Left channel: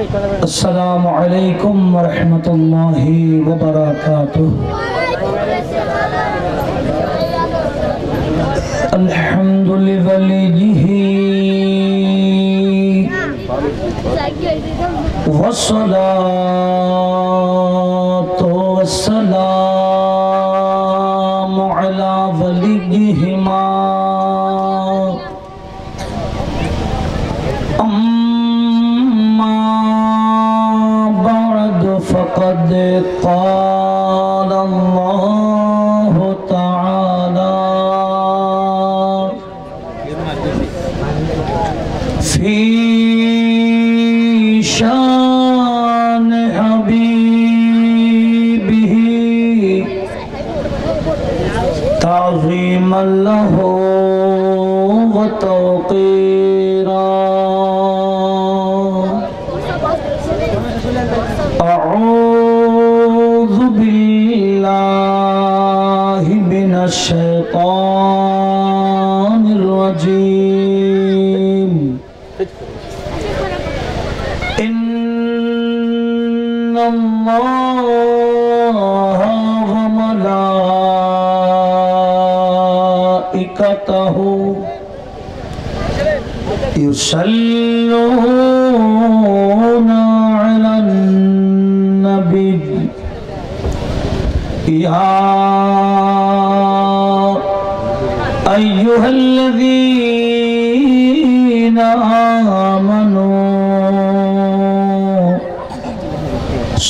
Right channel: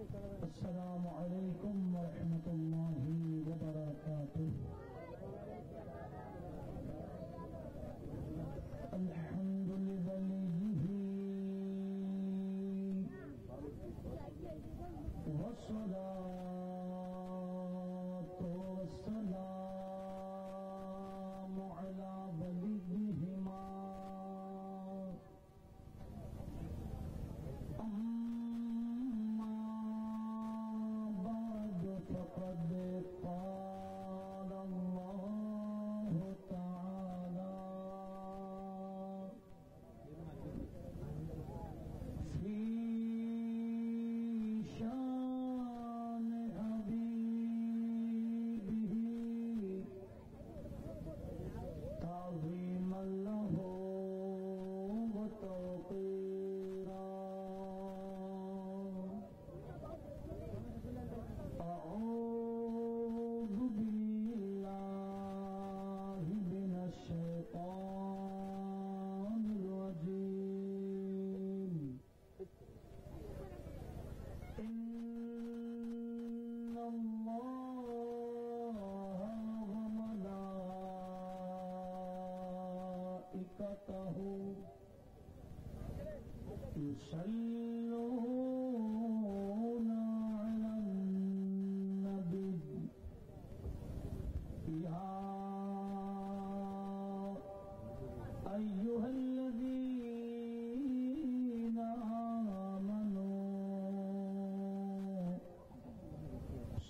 अस्सलामु अलैकुम व रहमतुल्लाहि व बरकातुहू। अल्हम्दुलिल्लाहि वस्सलातु वस्सलामु अला वलिय्यिहिमा अम्मा बअद फ़क़द क़ाल अल्लाहु तआला फ़ी शान हबीबिही ताज़ीमन लहू व तौक़ीरा। अऊज़ु बिल्लाहि मिनश शैतानिर रजीम। इन्नल्लाह व मलाइकतहु युसल्लूना अलन नबी या अय्युहल्लज़ीना आमनू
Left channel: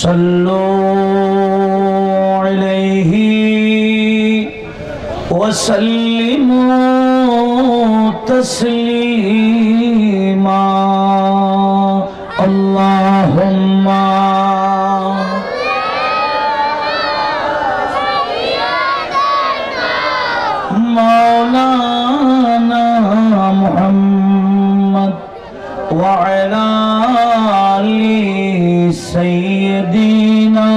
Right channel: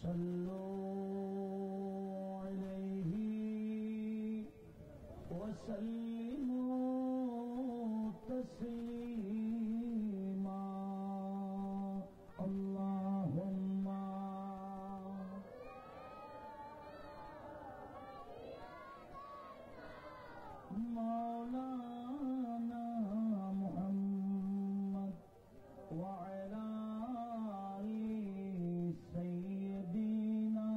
सल्लू अलैहि वसल्लिमू तस्लीमा। अल्लाहुम्मा मौलाना मुहम्मद व अला आलि सय्यदीना।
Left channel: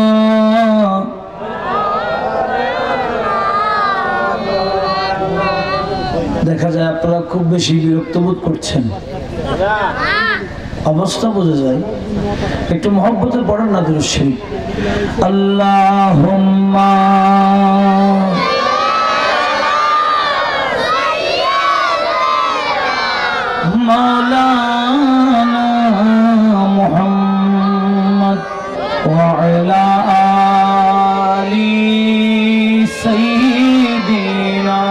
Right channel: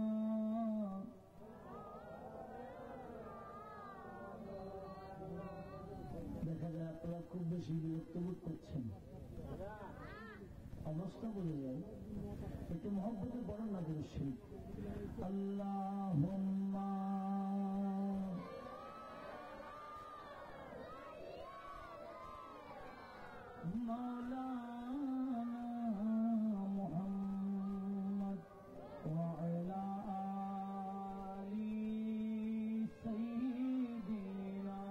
দেখা যায় আপনারা খুব বেশি বিরক্ত বোধ করছেন, অবস্থা বোঝা যায়। একটু মহব্বতে পড়েন না দুরূদ শরীফ। আল্লাহুম্মা मौलाना मुहम्मद व अला आलि सय्यिदीना।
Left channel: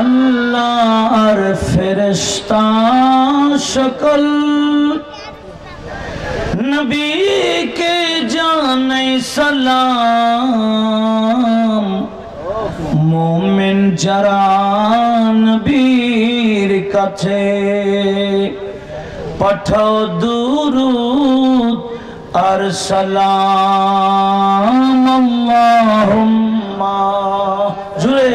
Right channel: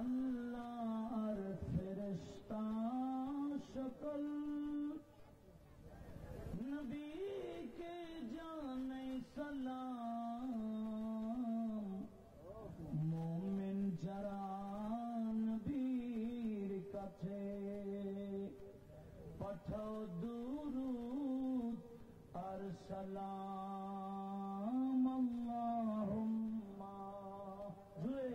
अल्लाह और फरिश्ता शकल नबी के जाने सलाम। मोमिन যারা নবীর কাছে পাঠাও দুরূদ আর সালাম। আল্লাহুম্মা জুড়ে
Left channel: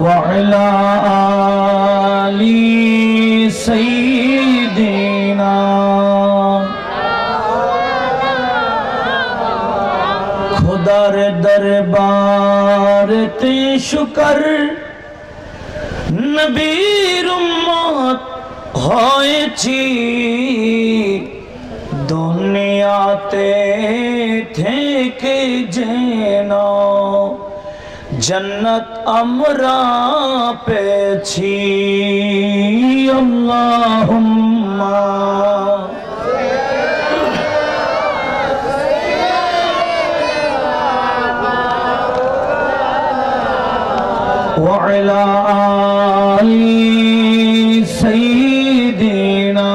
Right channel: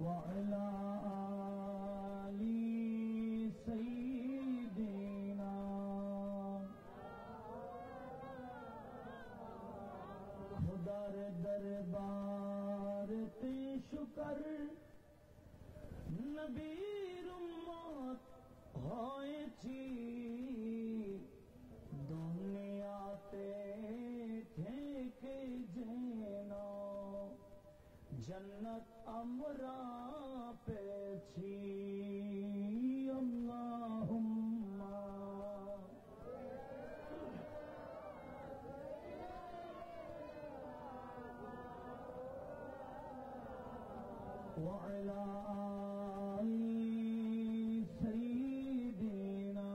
ওয়া আলা আলি সাইয়্যিদিনা। खुदार दरबार ते शुकर नबीर उम्मत होएছি दुनियाते থেকে যেন जन्नत আমরা পেয়েছি। আল্লাহুম্মা وعلى آل سيدنا।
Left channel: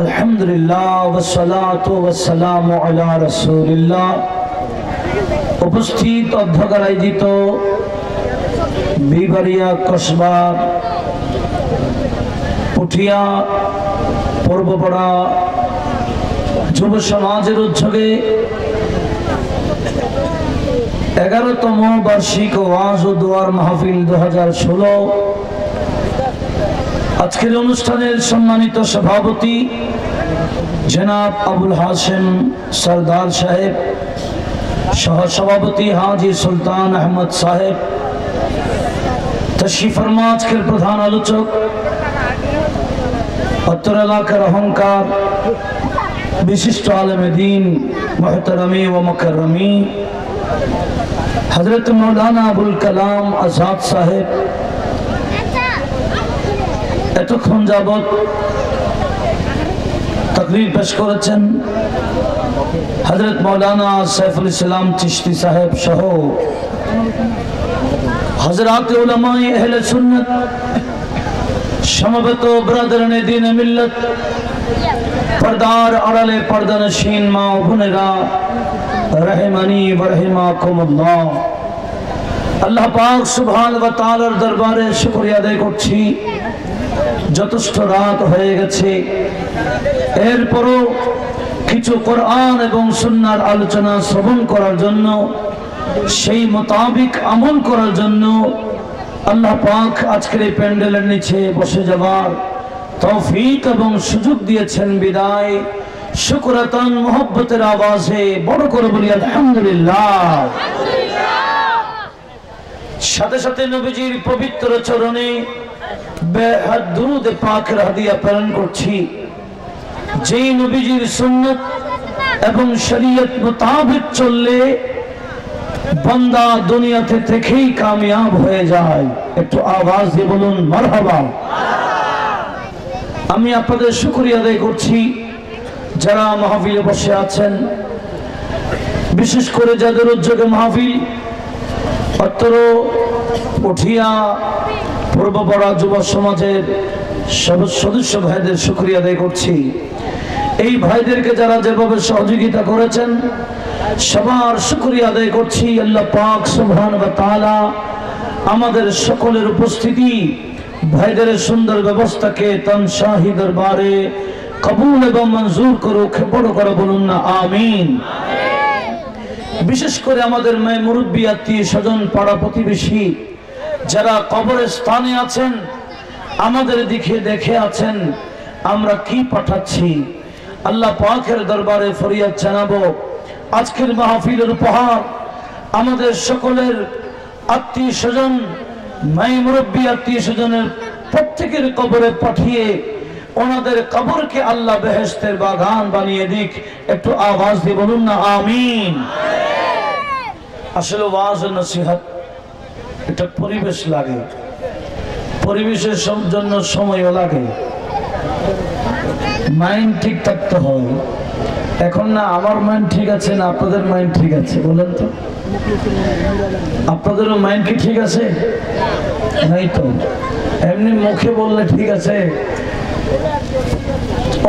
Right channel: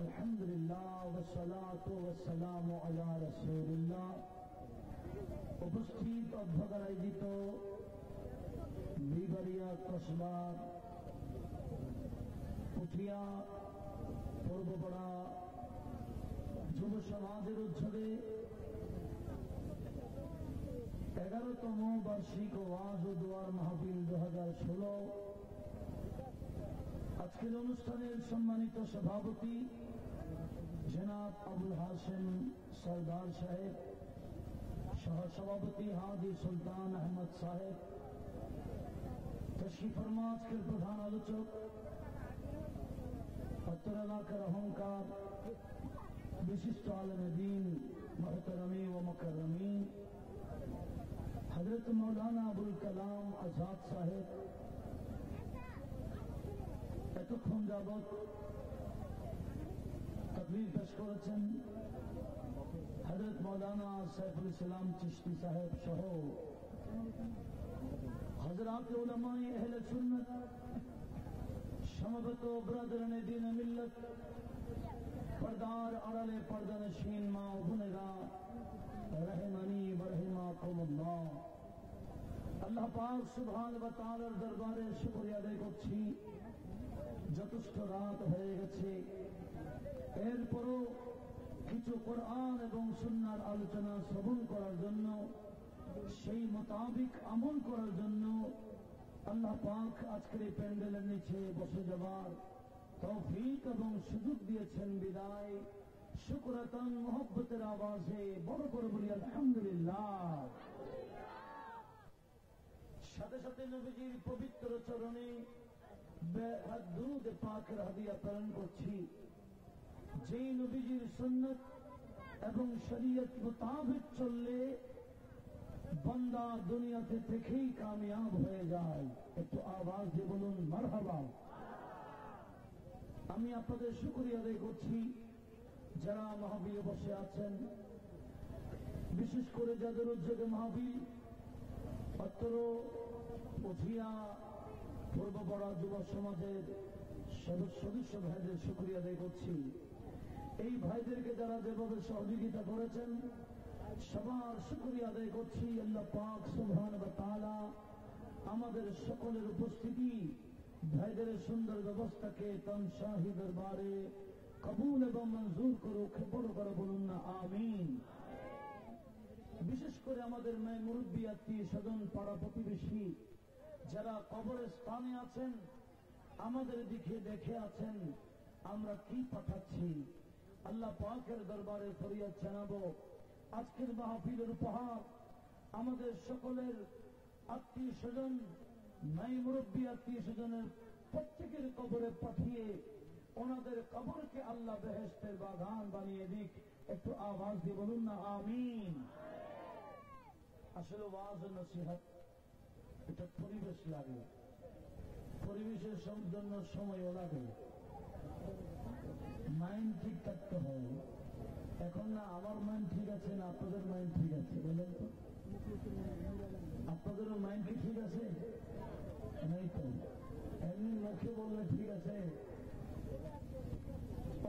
अल्हम्दुलिल्लाह वस्सलातु वस्सलामु अला रसूलिल्लाह। उपस्थित অধ্যক্ষের আয়োজিত বিবাড়িয়া কসবা পুঠিয়া পূর্বপাড়া যুব সমাজের উদ্যোগে 11তম বার্ষিক ওয়াজ ও দোয়ার মাহফিল 2016 আজকের অনুষ্ঠানের সম্মানিত সভাপতি জনাব আবুল হাশেম সরদার সাহেব, সহসভাপতি হাজি সুলতান আহমদ সাহেব, তশরিফ ফরমা আজকের প্রধান আলোচক উত্তর এলাকার অহংকার বিশিষ্ট আলেমে দ্বীন মুহতারামি ও মুকাররমি হযরত মাওলানা আবুল কালাম আজাদ সাহেব, এতক্ষণ যাবৎ তাকরীর পেশ করেছেন হযরত মাওলানা সাইফুল ইসলাম চিশতি সাহেব সহ হযরত উলামায়ে আহলে সুন্নাত, সমবেত ব্রাদারানে দ্বীন মিল্লাত, পর্দার আড়ালে পর্দানশীন মা ও বোনেরা, রহিমানি ওয়া রাহিমাকুমুল্লাহ। আল্লাহ পাক সুবহানাহু ওয়া তাআলার দরবারে শুকরিয়া আদায় করছি, যথেষ্ট রাত হয়ে গেছে, এরপরও কিছু কোরআন এবং সুন্নাহর আলোচনা শ্রবণ করার জন্য, সেই মোতাবিক আমল করার জন্য আল্লাহ পাক আজকের এই প্যান্ডেলের নিচে বসে যাবার তৌফিক এবং সুযোগ দিয়েছেন বিদায় শুকরাতান মুহাব্বতের আওয়াজে বড় করে বলি আলহামদুলিল্লাহ। সাথে সাথে নবীজির পবিত্র চরণে বেহাত দুরুদ পাকের হাদিয়া প্রেরণ করছি, যেই নবীজির সুন্নাত এবং শরীয়ত মোতাবেক চললে বান্দা দুনিয়াতে থেকেই কামিয়াব হয়ে যায়। একটু আওয়াজ দিয়ে বলুন মারহাবা। আমি আপনাদের শুকরিয়া আদায় করছি যারা মাহফিলে বসে আছেন, বিশেষ করে যাদের উদ্যোগে মাহফিল, অত্তর উঠিয়া পূর্বপাড়া যুব সমাজের সদস্য ভাইদের শুকরিয়া আদায় করছি। এই ভাইদেরকে যারা যেভাবে সহযোগিতা করেছেন সবার শুকরিয়া আদায় করছি। আল্লাহ পাক সুবহানাহু ওয়া তাআলা আমাদের সকলের উপস্থিতি, ভাইদের সুন্দর ব্যবস্থাকে তার শাহী দরবারে কবুল এবং মঞ্জুর করুক। বড় করে বলুন না আমিন। বিশেষ করে আমাদের মেয়ে মুরব্বী, আত্মীয় স্বজন, পাড়া প্রতিবেশী যারা কবরের স্থানে আছেন, আমাদের দিকে দেখে আছেন আমরা কি পাঠাচ্ছি, আল্লাহ পাকের দরবারে ফরিয়াদ জানাবো। আজকের মাহফিলের উপহার আমাদের সকলের আত্মীয় স্বজন, মাই মুরব্বী আত্মীয় স্বজনের প্রত্যেকের কবরে পাঠিয়ে ওনাদের কবরকে আল্লাহ বেহেশতের বাগান বানিয়ে দিক। একটু আওয়াজ দিয়ে বলুন না আমিন। আসলে ওয়াজ ও নসিহত একটা পরিবেশ লাগে, পরিবেশের জন্য সময়ও লাগে, মাইন্ড ঠিক থাকতে হয়। এখন না আমার মাইন্ড ঠিক আছে না আপনাদের মাইন্ড ঠিক আছে বলেন তো? আপনাদেরও মাইন্ড কি ঠিক আছে? নাই তো, এমনি মুখে বললে ঠিক আছে।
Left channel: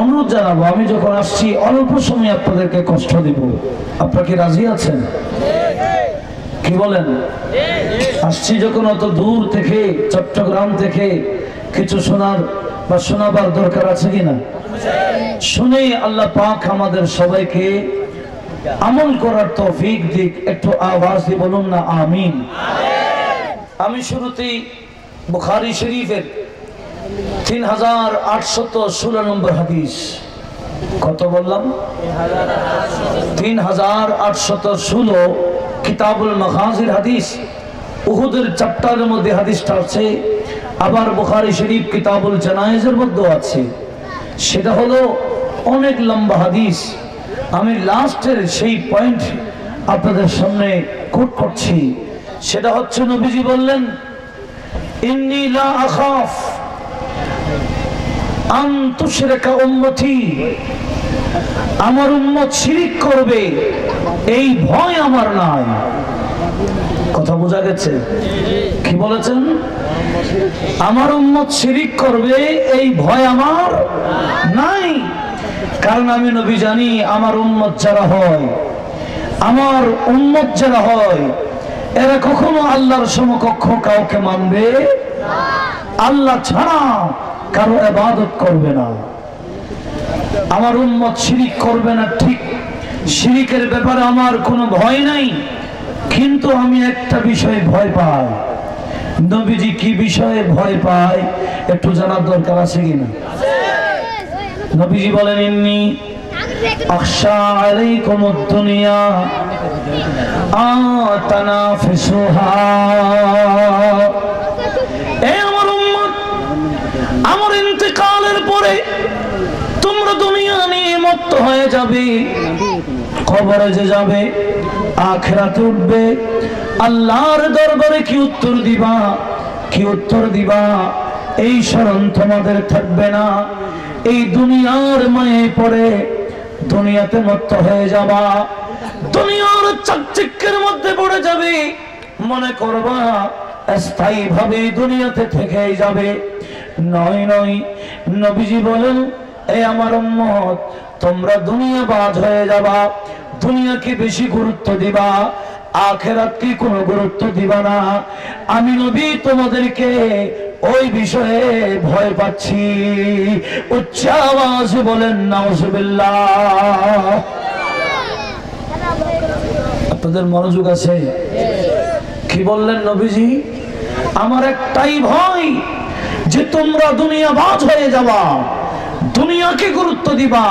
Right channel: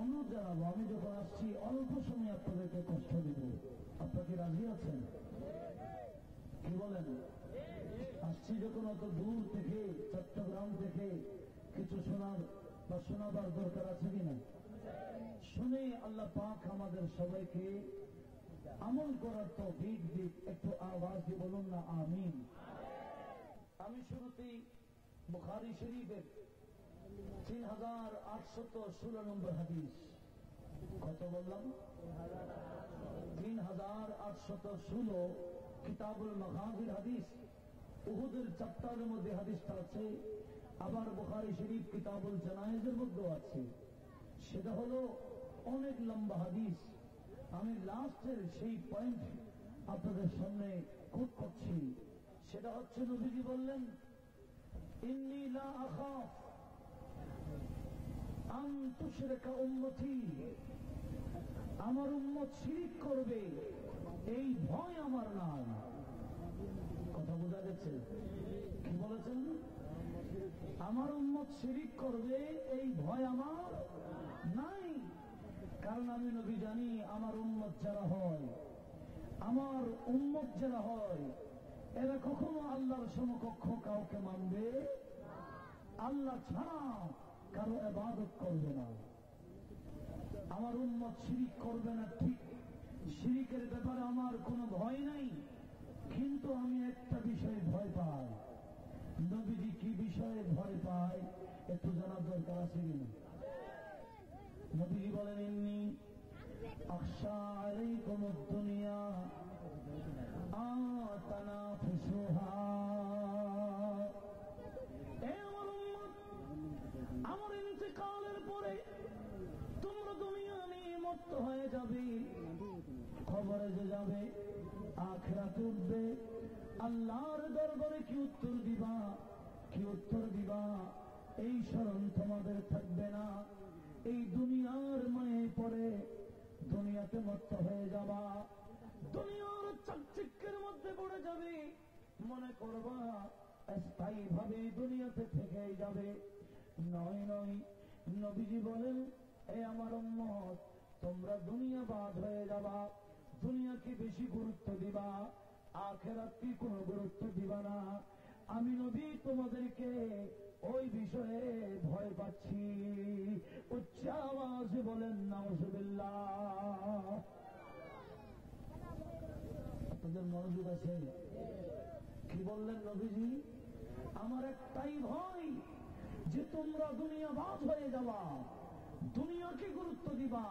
অনুরোধ জানাবো, আমি যখন আসছি অল্প সময় আপনাদেরকে কষ্ট দিব, আপনারা কি রাজি আছেন? কি বলেন? আসছি যখন অত দূর থেকে, চট্টগ্রাম থেকে, কিছু শোনার বা শোনাবার দরকার আছে কিনা? শুনে আল্লাহ পাক আমাদের সবাইকে আমল করার তৌফিক দিক। একটু আওয়াজ দিয়ে বলুন না আমিন। আমি শুরুতেই বুখারী শরীফের 3816 নম্বর হাদিস, কত বললাম? 3816 কিতাবুল মাগাজির হাদিস, উহুদের চ্যাপ্টারের মধ্যে হাদিসটা আছে। আবার বুখারী শরীফ কিতাবুল জানায়েজের মধ্যে আছে। সেটা হলো অনেক লম্বা হাদিস। আমি লাস্টের সেই পয়েন্ট আপনাদের সামনে কোট করছি। সেটা হচ্ছে নবীজি বললেন, ইন্নী লা আখাফ আন তুশরিকা উম্মতি, আমার উম্মত শিরক করবে এই ভয় আমার নাই। কথা বোঝা গেছে? কি বলেছেন? আমার উম্মত শিরক করবে এই ভয় আমার নাই। কারণ আমি নবী জানি আমার উম্মত যারা হয়, আমার উম্মত যারা হয়, এরা কখনো আল্লাহর সমকক্ষ কাউকে মানবে আল্লাহ ছাড়া কারো ইবাদত করবে না। আমার উম্মত শিরিক করবে না, ঠিক, শিরিকের ব্যাপারে আমার কোনো ভয় নাই, কিন্তু আমি একটা বিষয় ভয় পাই, নবীজি কি বিষয়ে ভয় পায় একটু জানার দরকার আছে কিনা? নবীজি বলেন ইন্নী আখশা আলাইকুমুদ দুনিয়া আতানাফিসুহা। এ আমার উম্মত, আমার ইন্তেকালের পরে তোমরা দুনিয়া নিয়ে মত্ত হয়ে যাবে, কবরে যে যাবে, আখিরাতে উঠবে, আল্লাহর দরবারে কি উত্তর দিবা, কি উত্তর দিবা এই স্মরণ তোমাদের থাকবে না। এই দুনিয়ার মায়ে পড়ে দুনিয়াতে মত্ত হয়ে যাবা, দুনিয়ার চাকচিক্যের মধ্যে পড়ে যাবে, মনে করবা স্থায়ী ভাবে দুনিয়াতে থেকেই যাবে। নয় নয়, নবীজি বলেন এ আমার উম্মত, তোমরা দুনিয়াবাজ হয়ে যাবা, দুনিয়াকে বেশি গুরুত্ব দিবা, আখিরাতকে কোনো গুরুত্ব দিবা না। আমি নবী তোমাদেরকে ওই বিষয়ে ভয় পাচ্ছি। উচ্চ আওয়াজে বলেন নাউজুবিল্লাহ। আপনাদের মনোযোগ আছে? কি বললেন নবীজি? আমার একটাই ভয় যে তোমরা দুনিয়াবাজ হয়ে যাবা, দুনিয়াকে গুরুত্ব দিবা,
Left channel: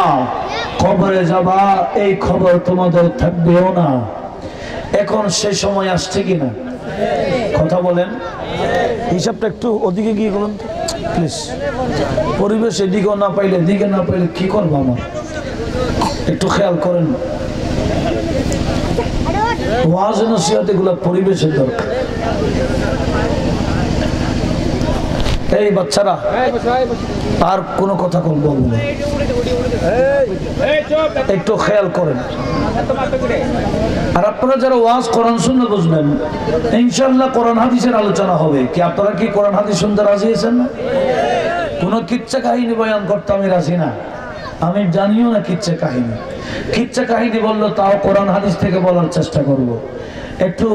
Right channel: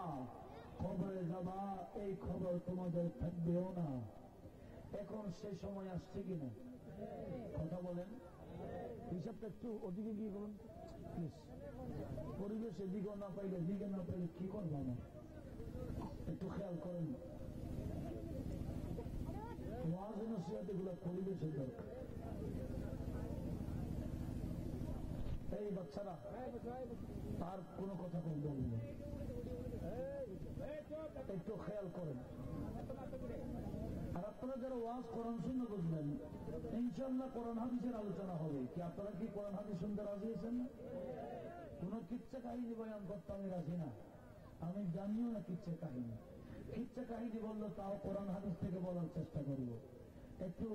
কবরে যাবা, এই খবর তোমাদের থাকবেও না। এখন সে সময় আসছে কিনা কথা বলেন? হিসাবটা একটু ওদিকে গিয়ে বলুন প্লিজ। পরিবেশ এদিকেও না পাইলে, এদিকে না পাইলে কি করবো? আমার একটু খেয়াল করেন, ওয়াজ নসিহত এগুলো পরিবেশের দরকার। এই বাচ্চারা আর কোনো কথা বলবো না, একটু খেয়াল করেন। আর আপনারা যারা ওয়াজ কোরআন শুনলে বুঝবেন, ইনশাআল্লাহ কোরআন হাদিসের আলোচনা হবে। কি আপনারা কি কোরআন হাদিস শুনতে রাজি আছেন না? কোন কিচ্ছা কাহিনী বয়ান করতে আমি রাজি না, আমি জানিও না কিচ্ছা কাহিনী। কিচ্ছা কাহিনী বললো তাও কোরআন হাদিস থেকে বলার চেষ্টা করব। একটু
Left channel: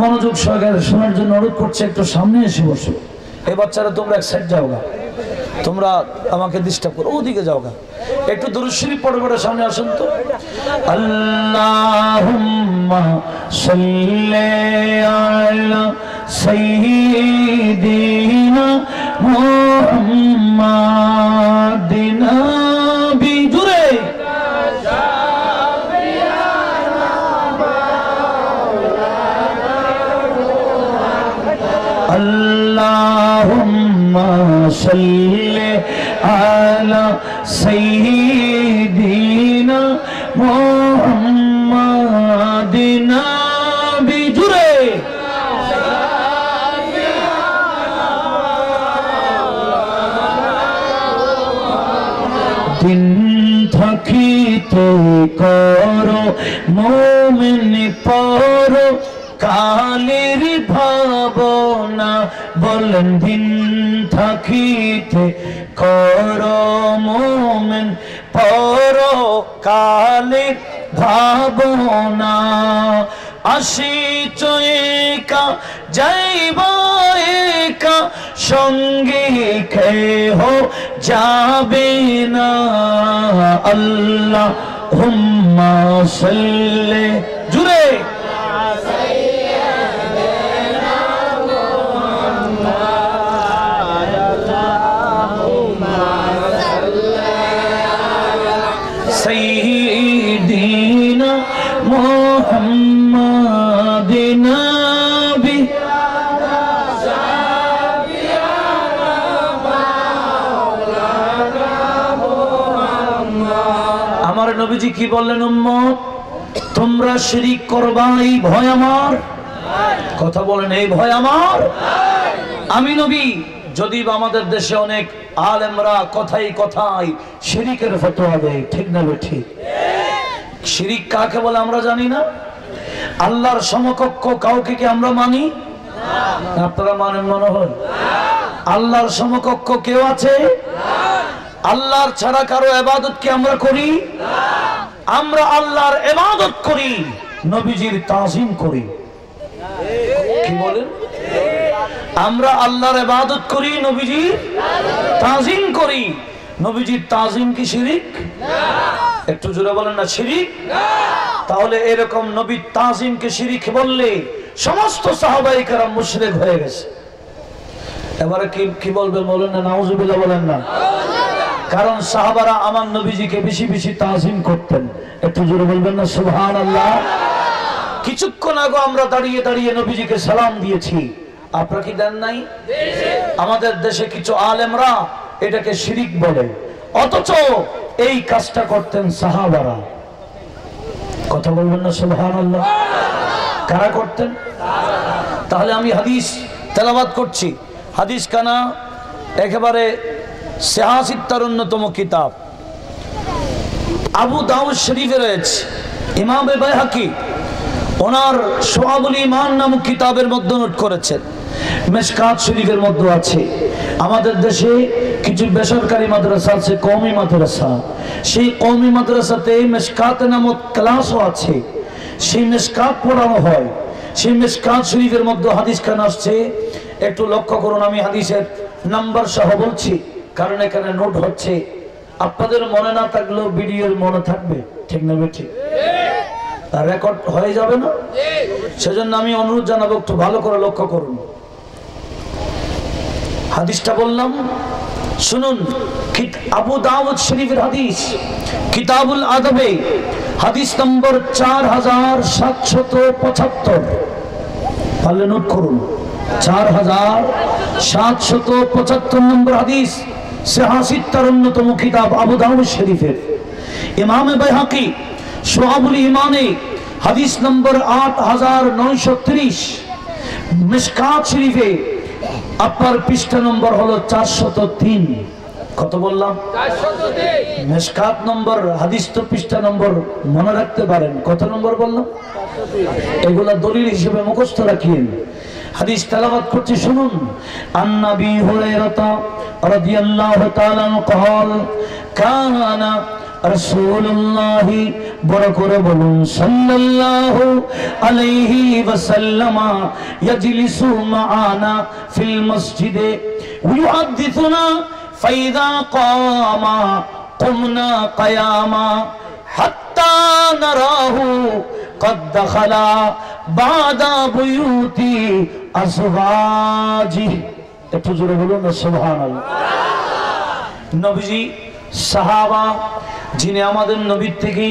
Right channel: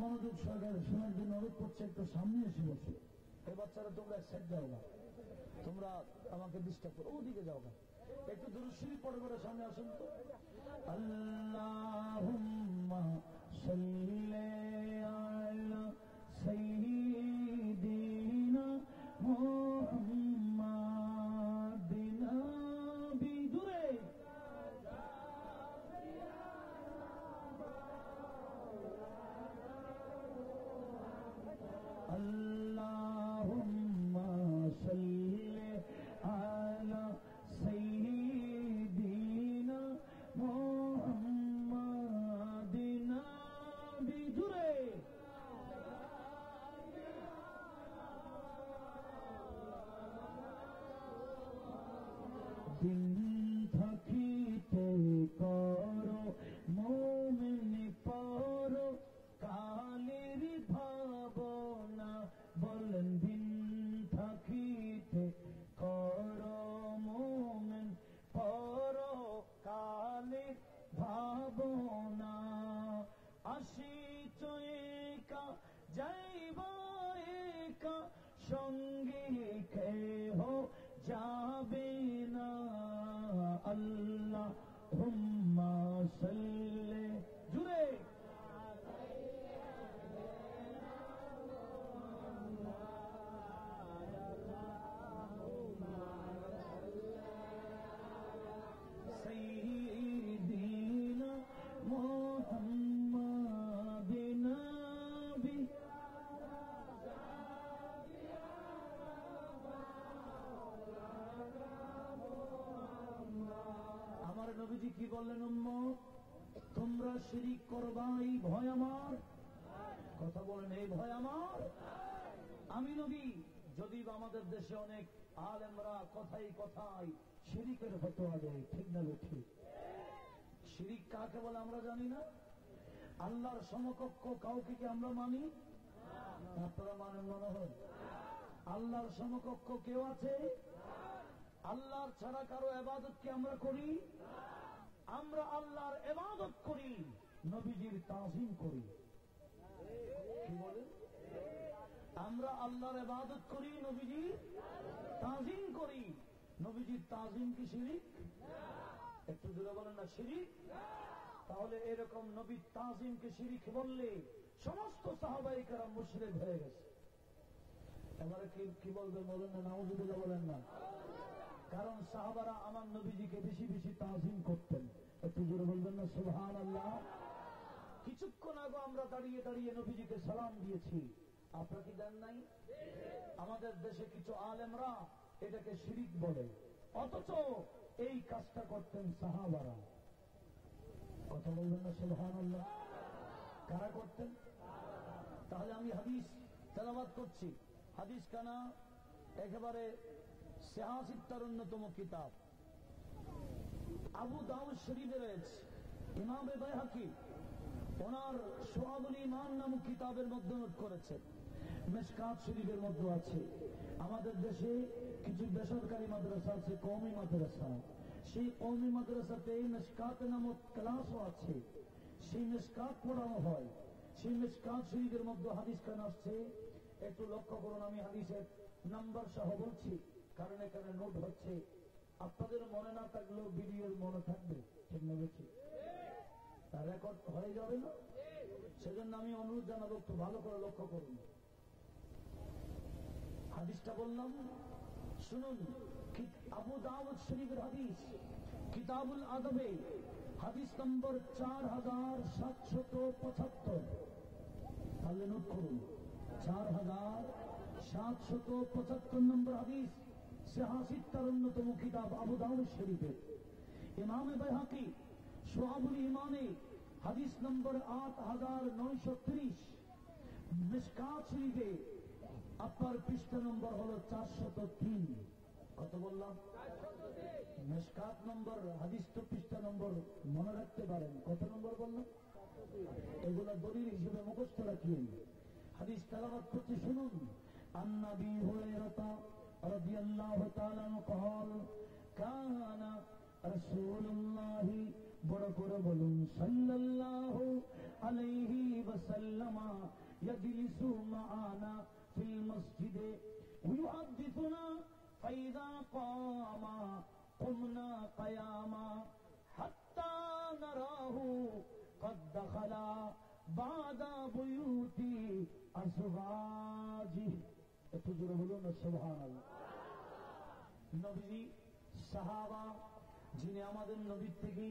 মনোযোগ সহকারে শোনার জন্য অনুরোধ করছি, একটু সামনে এসে বসো। এই বাচ্চারা তোমরা এক সাইড যাও গা, তোমরা আমাকে ডিস্টার্ব করো, ওদিকে যাও গা। একটু দুরূদ শরীফ পড়ে সামনে আসুন তো। আল্লাহুম্মা সাল্লি আলা সাইয়্যিদিনা মুহাম্মাদিন নবী। জুড়ে আল্লাহুম্মা সাল্লি আলা সাইয়্যিদিনা মুহাম্মাদিন নবী। জুড়ে দিন থাকিতে করো মুমিন পর কালের ভাবনা। বলেন দিন থাকিতে করো মুমিন পর কালের ভাবনা। আসিছ একা যাইবা একা, সঙ্গে কেহ যাবে না। আল্লাহুম্মা সাল্লি। জুড়ে সাইয়্যিদিনা মুহাম্মাদিন নবী। আমার নবীজি কি বললেন? উম্মত, তোমরা শিরিক করবা, এই ভয় আমার। কথা বলেন, এই ভয় আমার। আমি নবী, যদি আমাদের দেশে অনেক আলেমরা কথাই কথাই শিরিকের ফতোয়া দেয়, ঠিক না ঠিক? শিরিক কাকে বলে আমরা জানি না। আল্লাহর সমকক্ষ কাউকে কি আমরা মানি? আপনারা মানেন মনে হয়? আল্লাহর সমকক্ষ কেউ আছে? আল্লাহর ছাড়া কারো ইবাদত কি আমরা করি? আমরা আল্লাহর ইবাদত করি, নবীজির তাজিম করি। কি বলেন? আমরা আল্লাহর ইবাদত করি, নবীজির তাজিম করি। নবীজির তাজিম কি শিরিক? একটু জোরে বলেন না শিরিক। তাহলে এরকম নবীর তাজিমকে শিরিক বললে সমস্ত সাহাবায়ে কেরাম মুশরিক হয়ে গেছে। এবারে কি বলবেন বলেন না নাউজুবিল্লাহ বলেন না। কারণ সাহাবারা আমার নবীজিকে বেশি বেশি তাজিম করতেন। একটু জোরে বলবেন না সুবহানাল্লাহ। কিছুক্ষণ আগে আমরা দাঁড়িয়ে দাঁড়িয়ে নবীজিকে সালাম দিয়েছি, আপনারা কি দেন নাই? আমাদের দেশে কিছু আলেমরা এটাকে শিরিক বলে, অথচ এই কাজটা করতেন সাহাবারা। কথা বলবেন না সুবহানাল্লাহ। কারা করতেন? তাহলে আমি হাদিস তেলাওয়াত করছি। হাদিস কানা একেবারে সিহাসিত্তার অন্যতম কিতাব আবু দাউদ শরীফে রয়েছে। ইমাম বাইহাকি ওনার শুআবুল ঈমান নামক কিতাবের মধ্যে নোট করেছেন। মিশকাত শরীফের মধ্যে আছে। আমাদের দেশে কিছু বেসরকারি মাদ্রাসা আছে, কওমি মাদ্রাসা। সেই কওমি মাদ্রাসাতে মিশকাত নামক ক্লাসও আছে, সেই মিশকাত পড়ানো হয়। সেই মিশকাত শরীফের মধ্যে হাদিস খান আসছে, একটু লক্ষ্য করুন। আমি হাদিসের নাম্বার সহ বলছি কারণ এখানে নোট হচ্ছে। আপনাদের মনে না থাকলেও ভিডিওর মনে থাকবে, ঠিক না বেঠিক? রেকর্ড হয়ে যাবে না? সেজন্য আমি অনুরোধ জানাবো একটু ভালো করে লক্ষ্য করুন। হাদিসটা বললাম, শুনুন। আবু দাউদ শরীফের হাদিস, কিতাবুল আদবে, হাদিস নম্বর 4775। পারলে নোট করুন। 4775 নম্বর হাদিস, সিহাসিত্তার অন্যতম কিতাব আবু দাউদ শরীফের। ইমাম বাইহাকি শুআবুল ঈমানে হাদিস নম্বর 8930। মিশকাত শরীফে আপনার পৃষ্ঠা নম্বর হলো 403। কত বললাম? 403। মিশকাত নম্বর, হাদিস তো পৃষ্ঠা নম্বর মনে রাখতে পারেন। কত নম্বর বললাম? 403। এগুলা দলিল হিসেবে মুখস্থ রাখিয়েন। হাদিস তেলাওয়াত করছি, শুনুন। আন নবী হুরায়রা রাদিয়াল্লাহু তাআলা قال কানা রাসূলুল্লাহ বড় করে বলুন সাল্লাল্লাহু আলাইহি ওয়াসাল্লাম ইয়াজলিসু মাআনা ফিল মসজিদে ওয়ায়ুহাদ্দিসুনা ফাইযা কামা কুমনা কিয়ামা হাত্তা নারাহু قد دخل بعد بيوت أزواجه। একটু জোরে বলুন না সুবহানাল্লাহ। নবীজি সাহাবা যিনি আমাদের নবীর থেকে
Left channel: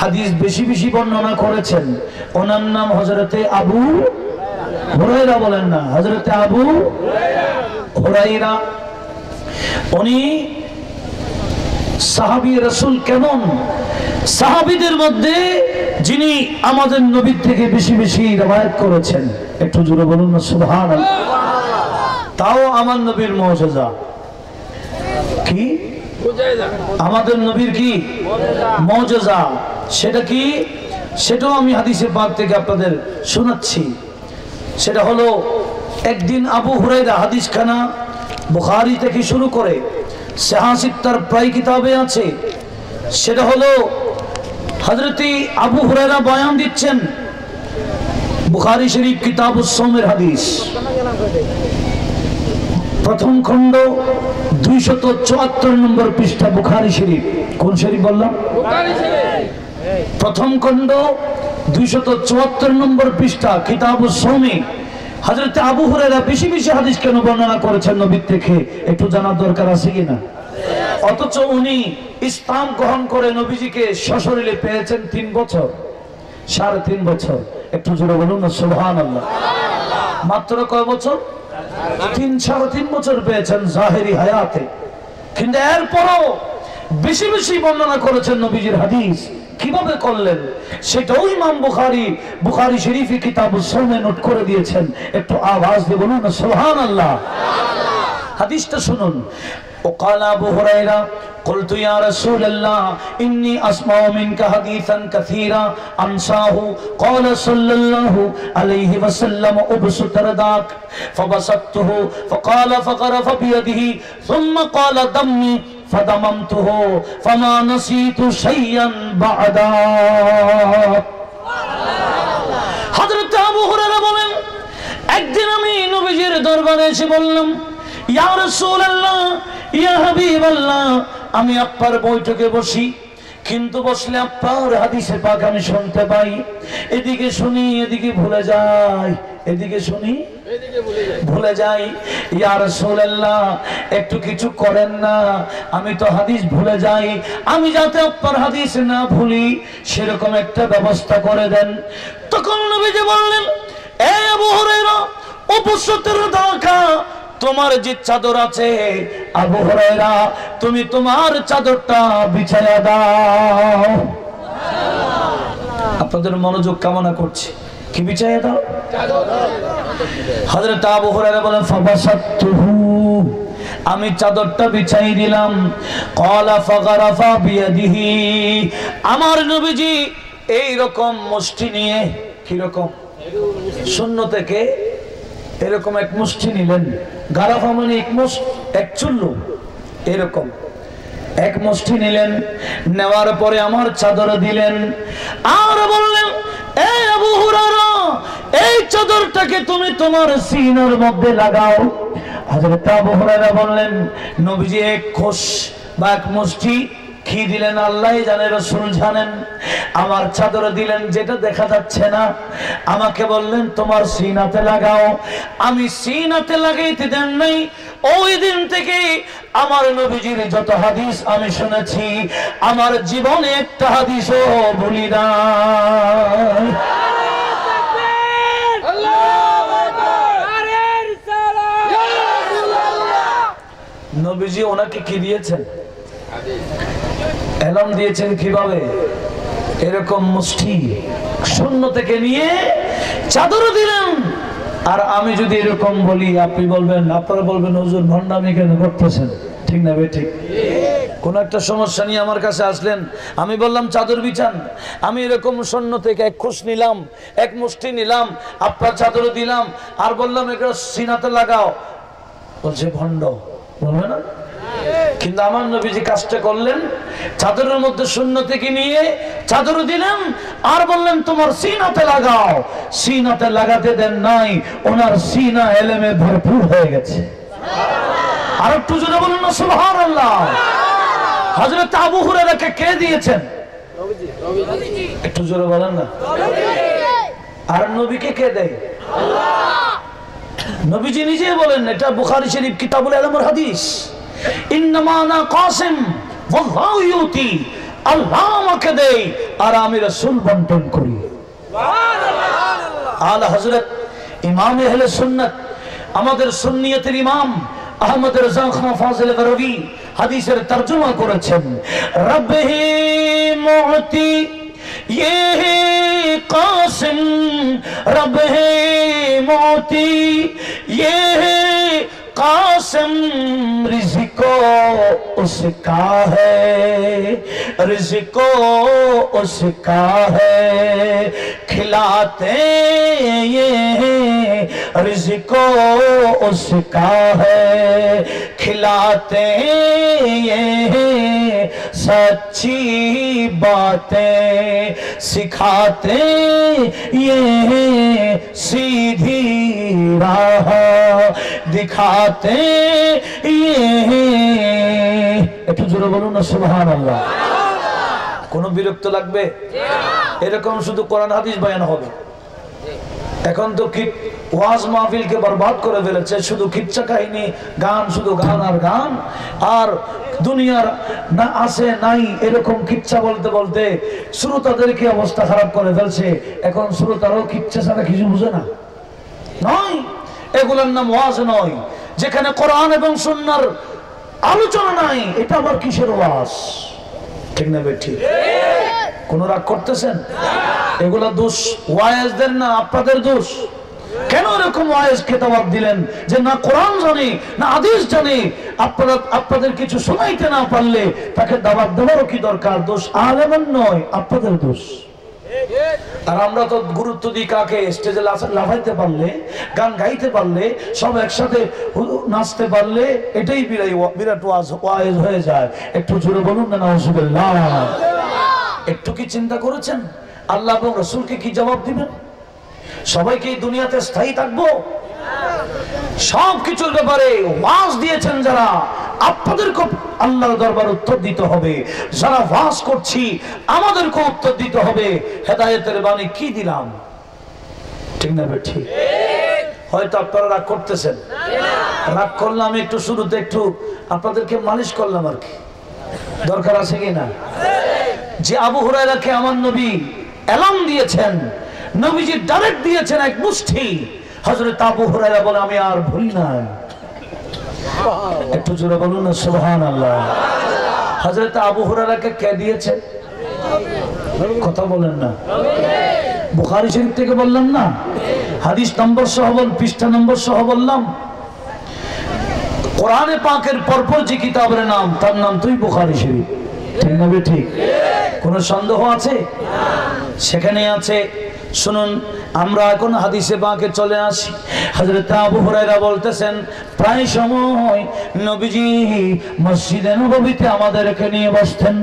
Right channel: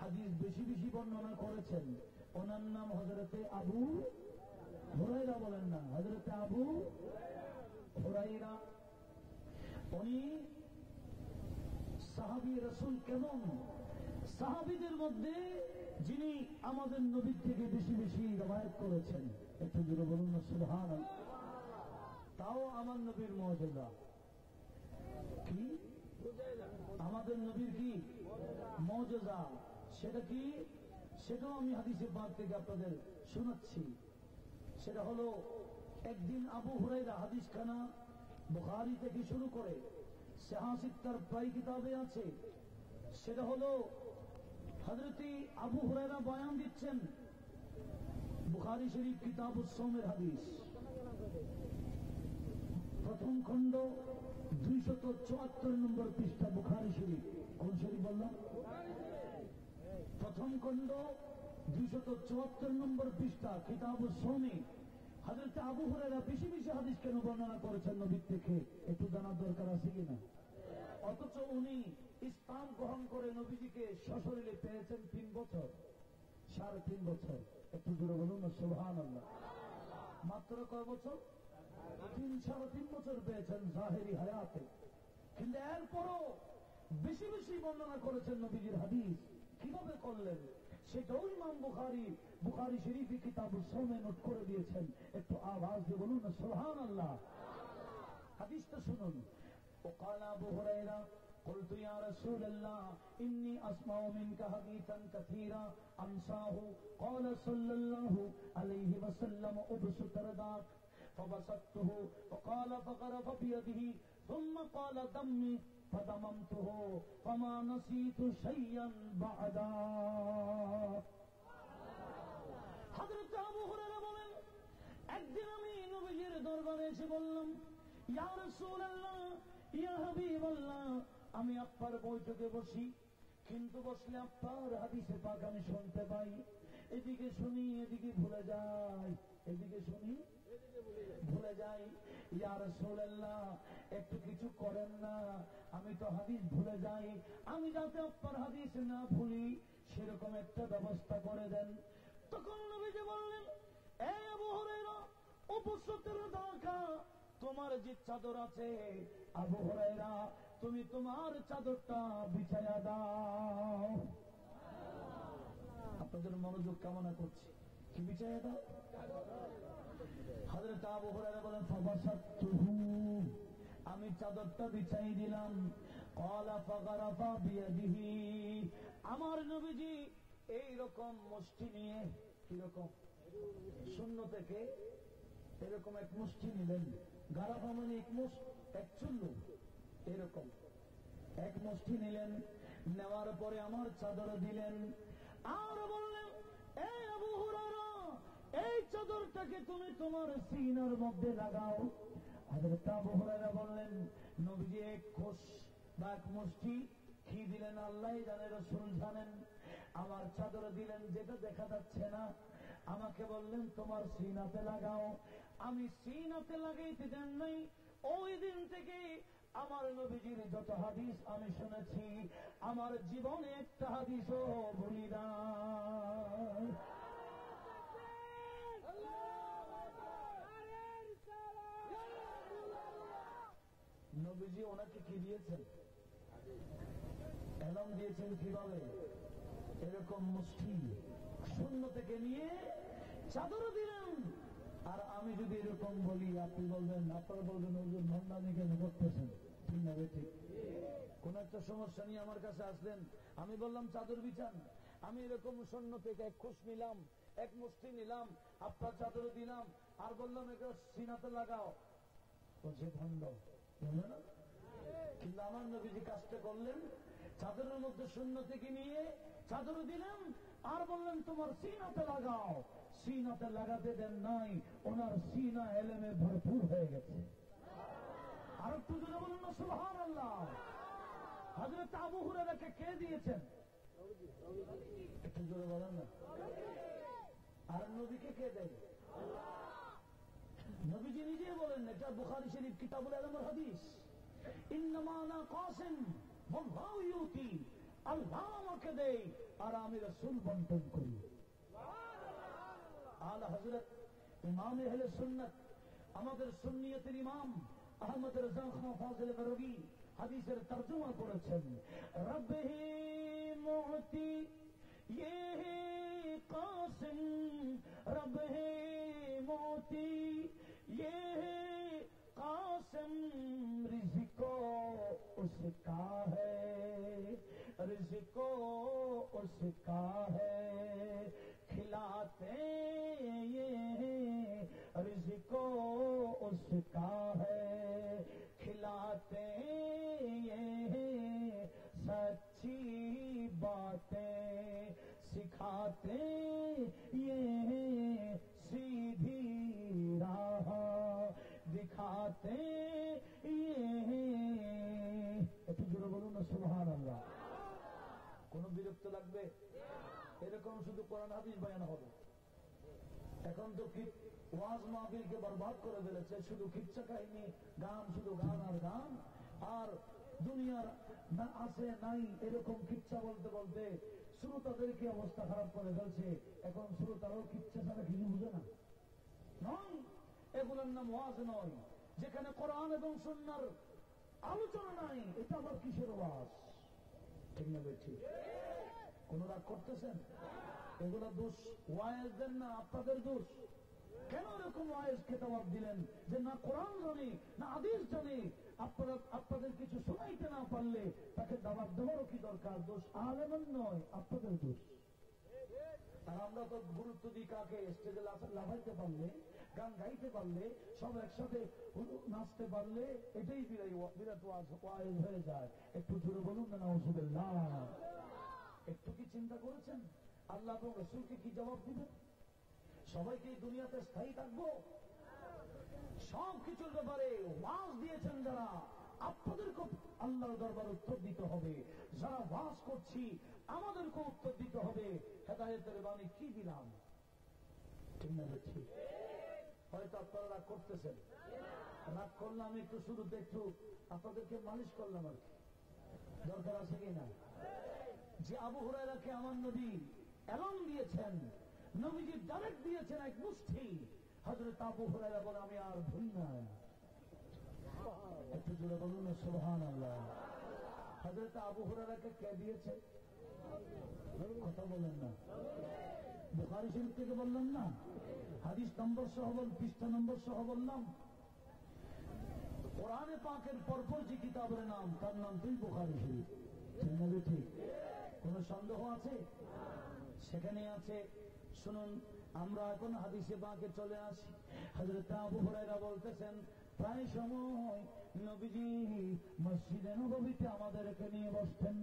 হাদিস বেশি বেশি বর্ণনা করেছেন, ওনার নাম হযরতে আবু হুরায়রা। বলেন না হযরতে আবু হুরায়রা। উনি সাহাবী রাসূল। কেমন? সাহাবীদের মধ্যে যিনি আমাদের নবীর থেকে বেশি বেশি রওয়ায়াত করেছেন। একটু জোরে বলুন না সুবহানাল্লাহ। তাও আমার নবীর মুজিজা কি? আমাদের নবীর কি মুজিজা? সেটা কি? সেটাও আমি হাদিসে পাক থেকে আপনাদের শোনাচ্ছি। সেটা হলো, একদিন আবু হুরায়রা, হাদিস খানা বুখারী থেকে শুরু করে সিহাসিত্তার প্রায় কিতাবে আছে। সেটা হলো হযরতে আবু হুরায়রা বয়ান দিচ্ছেন, বুখারী শরীফ কিতাবুস সাওমের হাদিস, প্রথম খণ্ড 274 নম্বর পৃষ্ঠা বুখারী শরীফ। কোন শরীফ বললাম? বুখারী শরীফ। প্রথম খণ্ড 274 নম্বর পৃষ্ঠা কিতাবুস সাওমে হযরতে আবু হুরায়রা বেশি বেশি হাদিস কেন বর্ণনা করেছেন নবীর থেকে, একটু জানার দরকার আছে কিনা? অথচ উনি ইসলাম গ্রহণ করে নবীজিকে সশরীরে পেয়েছেন 3 বছর, 3.5 বছর। একটু জোরে বলুন না সুবহানাল্লাহ। মাত্র কয় বছর? 3.5 বছর পেয়েছেন জাহেরি হায়াতে। কিন্তু এরপরও বেশি বেশি বর্ণনা করেছেন নবীজির হাদিস। কিভাবে করলেন সেটাও ইমাম বুখারী শরীফে কিতাবুস সাওমে নোট করে দিয়েছেন। একটু আওয়াজ দিয়ে বলুন না সুবহানাল্লাহ। হাদিসটা শুনুন। وقال أبو هريرة قلت يا رسول الله إني أسمع منك حديثا كثيرا أنساه قال صلى الله عليه وسلم أبسط رداك فبسطته فقال فغرف بيده ثم قال دمي فدممته فما نسيت شيئا بعدا। হযরত আবু হুরায়রা বলেন, একদিন আমি নবীজির দরবারে এসে বললাম, ইয়া রাসূলুল্লাহ, ইয়া হাবিবাল্লাহ, আমি আপনার বৈঠকে বসি, কিন্তু বসলে আপনার হাদিসে পাক আমি শুনতে পাই, এদিকে শুনি এদিকে ভুলে যাই, এদিকে শুনি ভুলে যাই। ইয়া রাসূলুল্লাহ একটু কিছু করেন না, আমি তো হাদিস ভুলে যাই, আমি যাতে আপনার হাদিস না ভুলি সেরকম একটা ব্যবস্থা করে দেন। তখন নবীজি বললেন, এ আবু হুরায়রা, উপসতের দেখা তোমার যে চাদর আছে, আবু হুরায়রা তুমি তোমার চাদরটা বিছায়া দাও। আপনাদের মনোযোগ কামনা করছি, কি বিছায়া দাও? হযরত আবু হুরায়রা বলেন, ফাবাসাতুহু, আমি চাদরটা বিছাই দিলাম। ক্বালা ফাগারাফা বিয়াদিহি, আমার নবীজি এই রকম মুষ্টি নিয়ে, কি রকম শূন্য থেকে এরকম এক মুষ্টি নিলেন, গারাফা মানে এক চুল্লু, এরকম এক মুষ্টি নিলেন, নেওয়ার পরে আমার চাদর দিলেন আর বললেন, এই আবু হুরায়রা এই চাদরটাকে তুমি তোমার সিনার মধ্যে লাগাও। হযরত আবু হুরায়রা বললেন, নবীজি এক খোশ বা এক মুষ্টি কি দিলেন আল্লাহ জানে, রাসূল জানেন। আমার চাদর দিলেন যেটা দেখা যাচ্ছে না, আমাকে বললেন তোমার সিনাতে লাগাও। আমি সিনাতে লাগাইতে দেন নাই। ওই দিন থেকে আমার নবীজির যত হাদিস আমি শুনেছি, আমার জীবনে একটা হাদিসও ভুলি না। নবীজি ওনাকে কি দিয়েছেন? এলাম দিয়েছেন কিভাবে? এরকম মুষ্টি শূন্য থেকে নিয়ে চাদর দিলেন। আর আমি যদি এরকম বলি, আপনি বলবেন, আপনারা বলবেন হুজুর ভণ্ডামি কেন করতেছেন, ঠিক না বে ঠিক? কোন একটা সমস্যা নিয়ে আমার কাছে আসলেন, আমি বললাম চাদর বিছান, আমি এরকম শূন্য থেকে এক খোশ নিলাম, এক মুষ্টি নিলাম, আপনার চাদর দিলাম আর বললাম এটা সিনাতে লাগাও, বলছে ভণ্ড, বলবে না? কিন্তু আমার নবীজি কাজটা করলেন, চাদরের মধ্যে শূন্য থেকে নিয়ে চাদর দিলেন আর বললেন তোমার সিনাতে লাগাও। সিনাতে লাগাতে দেন নাই, ওনার সিনা এলেমে ভরপুর হয়ে গেছে। আর একটু জোরে বলুন না সুবহানাল্লাহ। হযরত আবু হুরায়রাকে কে দিয়েছেন? একটু জোরে বলেন না। আর নবীকে কে দেয়? নবীজি নিজে বলেন, এটা বুখারী শরীফ কিতাবুল ইলমের হাদিস, ইন্নামা আনা কাসিম ওয়াল্লাহু ইউতি, আল্লাহ আমাকে দেয় আর আমি রাসূল বন্টন করি। সুবহানাল্লাহ। আলা হযরত ইমাম আহলে সুন্নাত, আমাদের সুন্নিয়তের ইমাম আহমদ রাজা খান ফাজিল গরবি হাদিসের তরজমা করেছেন, রব্বি মুতি ये कासिम रब है मोती ये कासिम रिज़्क़ो उसका है रिज़्क़ो उसका है खिलाते ये रिज़्क़ो उसका है खिलाते ये सच्ची बातें सिखाते ये सीधी राह दिखाते ये। একটু জোরে বলুন না সুবহানাল্লাহ। কোন বিরক্ত লাগবে? এরকম শুধু কোরআন হাদিস বয়ান হবে। এখন তো কি ওয়াজ মাহফিলকে বরবাদ করে ফেলেছে, শুধু কিচ্ছা কাহিনী, গান, শুধু গান আর গান, আর দুনিয়ার না আছে নাই এরকম কিচ্ছা বলতে বলতে শ্রোতাদের কি অবস্থা খারাপ করে ফেলছে। এখন শ্রোতারাও কিচ্ছা ছাড়া কিছু বুঝে না। নয়, এগুলোর নাম ওয়াজ নয়। যেখানে কোরআন এবং সুন্নাহর আলোচনা নাই, এটা আবার কিসের ওয়াজ? ঠিক না বেঠি? কোন রাগ করতেছেন? এগুলা দোষ ওয়াইজদের না আপনাদের দোষ। কেন এরকম ওয়াইজ খেতাবাদ দিলেন যে না কোরআন জানি না হাদিস জানি, আপনারা আপনাদের কিছু শোনাইতে না পারলে তাকে দাওয়াত দেওয়ারও কি দরকার? দোষ আলেমের নয়, আপনাদের দোষ। আর আমরা তো গুরুত্ব দিই কাকে? স্টেজে লাফাইতে পারলে, গান গাইতে পারলে, সব একসাথে নাচতে পারলে এটাই বিরাট ওয়াইজ হয়ে যায়। একটু জোরে বলুন না নাউজুবিল্লাহ। একটু কি চিন্তা করেছেন আল্লাহ এবং রাসূলকে কি জবাব দিবেন? সবাইকে এই দুনিয়াতে স্থায়ী থাকবো? সব কিছুর ব্যাপারে ওয়াজ দিয়েছেন যারা, আপনাদেরকে আল্লাহর দরবারে উত্তর দিতে হবে, যারা ওয়াজ করছি আমাদেরকে উত্তর দিতে হবে। হেদায়েতের বাণী কি দিলাম, ঠিক না বেঠি? হয়তো আপনারা রাগ করতেছেন, রাগ করলাম একটু শুরুতে একটু আপনাদেরকে মালিশ করলাম আর কি, দরকার আছে কি না? যে আবু হুরায়রাকে আমার নবী এলান দিয়েছেন, নবীজি ডাইরেক্ট দিয়েছেন এক মুষ্টি, হযরত আবু হুরায়রা বলে আমি আর ভুলি না। একটু জোরে বলুন না সুবহানাল্লাহ। হযরত আবু হুরায়রাকে কে দিয়েছেন? কথা বলেন না, বুখারী শরীফ থেকে বললাম না, হাদিস নম্বর সহ বল, পৃষ্ঠা নম্বর সহ বললাম। কোরআনে পাকের পরপর যে কিতাবের নাম, তার নাম তুই বুখারী শরীফ, ঠিক না? ঠিক। কোনো সন্দেহ আছে? সেখানে আছে। শুনুন, আমরা এখন হাদিসে পাকে চলে আসি। হযরত আবু হুরায়রা বলতেছেন, প্রায় সময় নবীজি মসজিদে নববীতে আমাদেরকে নিয়ে বসতেন,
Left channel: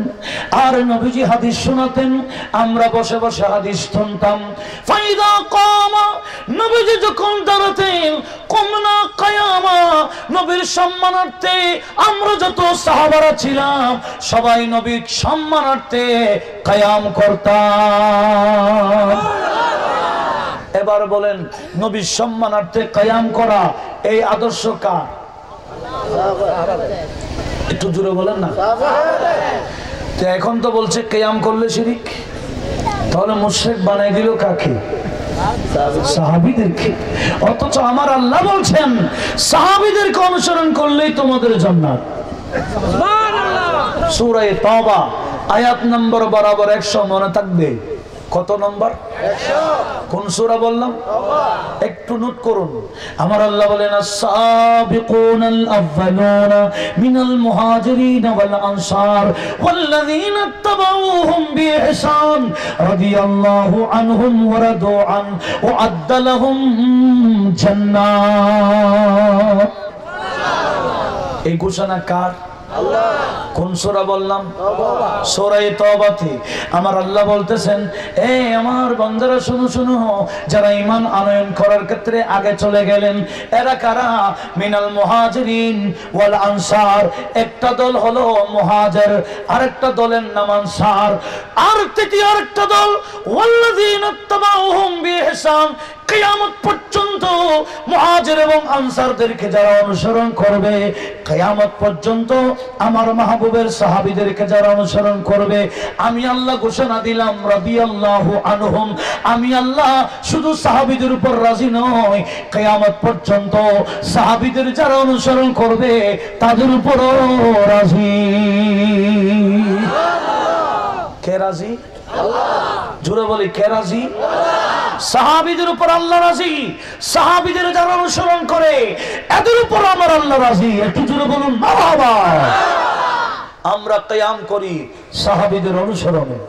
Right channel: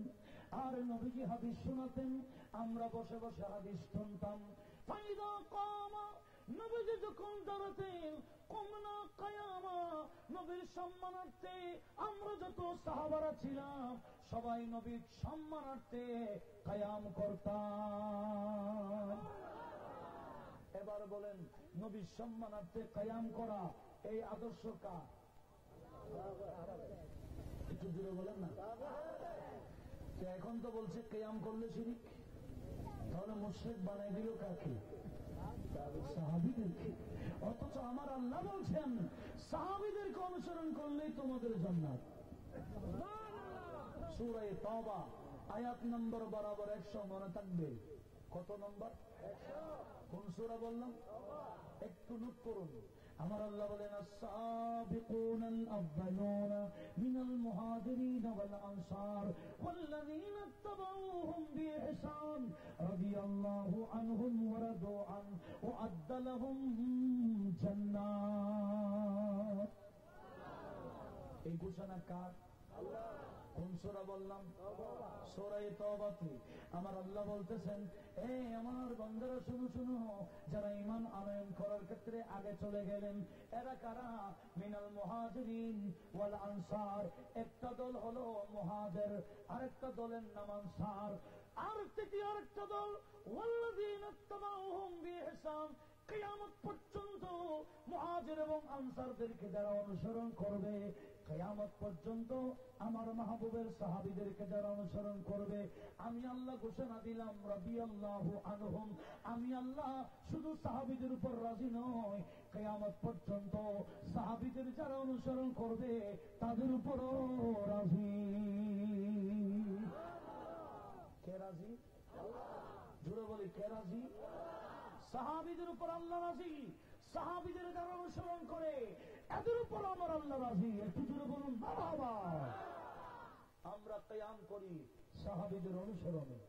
আর নবীজি হাদিস শোনাতেন, আমরা বসে বসে হাদিস শুনতাম। ফাইদা কামা, নবীজি যখন দাঁড়াতেন, কুমনা কিয়ামা, নবীর সম্মানার্থে আমরা যত সাহাবারা ছিলাম সবাই নবীর সম্মানার্থে কিয়াম করতাম। এবার বলেন, নবীর সম্মানার্থে কিয়াম করা এই আদর্শ কার? একটু জোরে বলেন না। তো এখন তো বলছে কিয়াম করলে শিরক, তাহলে মুশরিক বানাই দিল কাকে? সাহাবীদেরকে। অথচ আমার আল্লাহ বলছেন সাহাবীদেরকে অনুসরণ করলেই তোমাদের জান্নাত। সুবহানাল্লাহ। সূরা তাওবা আয়াত নম্বর বরাবর 100 মনে থাকবে। কত নম্বর? 100। কোন সূরা বললাম? একটু নোট করুন। আমার আল্লাহ বলেন, আস-সাবিকুনাল আউয়ালুনা মিনাল মুহাজিরিন ওয়াল আনসার ওয়াল্লাযীনা ইত্তাবাউহুম বিইহসান রাদিয়াল্লাহু আনহুম ওয়া রাদু আন ওয়া আ'আদ্দা লাহুম জান্নাত। এই ঘোষণা কার? আল্লাহ। কোন সূরা বললাম? সূরা তাওবাতে আমার আল্লাহ বলতেছেন, এ আমার বান্দারা শুনো শুনো, যারা ঈমান আনয়ন করার ক্ষেত্রে আগে চলে গেলেন এরা কারা? মিনাল মুহাজিরিন ওয়াল আনসার। একটা দল হলো মুহাজির, আরেকটা দলের নাম আনসার, আর তৃতীয় আরেকটা দল ওয়াল্লাযীনা ইত্তাবাউহুম বিইহসান। কিয়ামত পর্যন্ত মুহাজির এবং আনসারদেরকে যারা অনুসরণ করবে, কিয়ামত পর্যন্ত আমার মাহবুবের সাহাবীদেরকে যারা অনুসরণ করবে, আমি আল্লাহ ঘোষণা দিলাম রাদিয়াল্লাহু আনহুম, আমি আল্লাহ শুধু সাহাবীদের উপর রাজি নই, কিয়ামত পর্যন্ত সাহাবীদের যারা অনুসরণ করবে তাদের উপরও রাজি। কে রাজি? আল্লাহ। জোরে বলি, কে রাজি? সাহাবীদের উপর আল্লাহ রাজি, সাহাবীদের যারা অনুসরণ করে এদের উপর আমার আল্লাহ রাজি। একটু জোরে বলুন মারহাবা। আমরা কিয়াম করি সাহাবীদের অনুসরণে,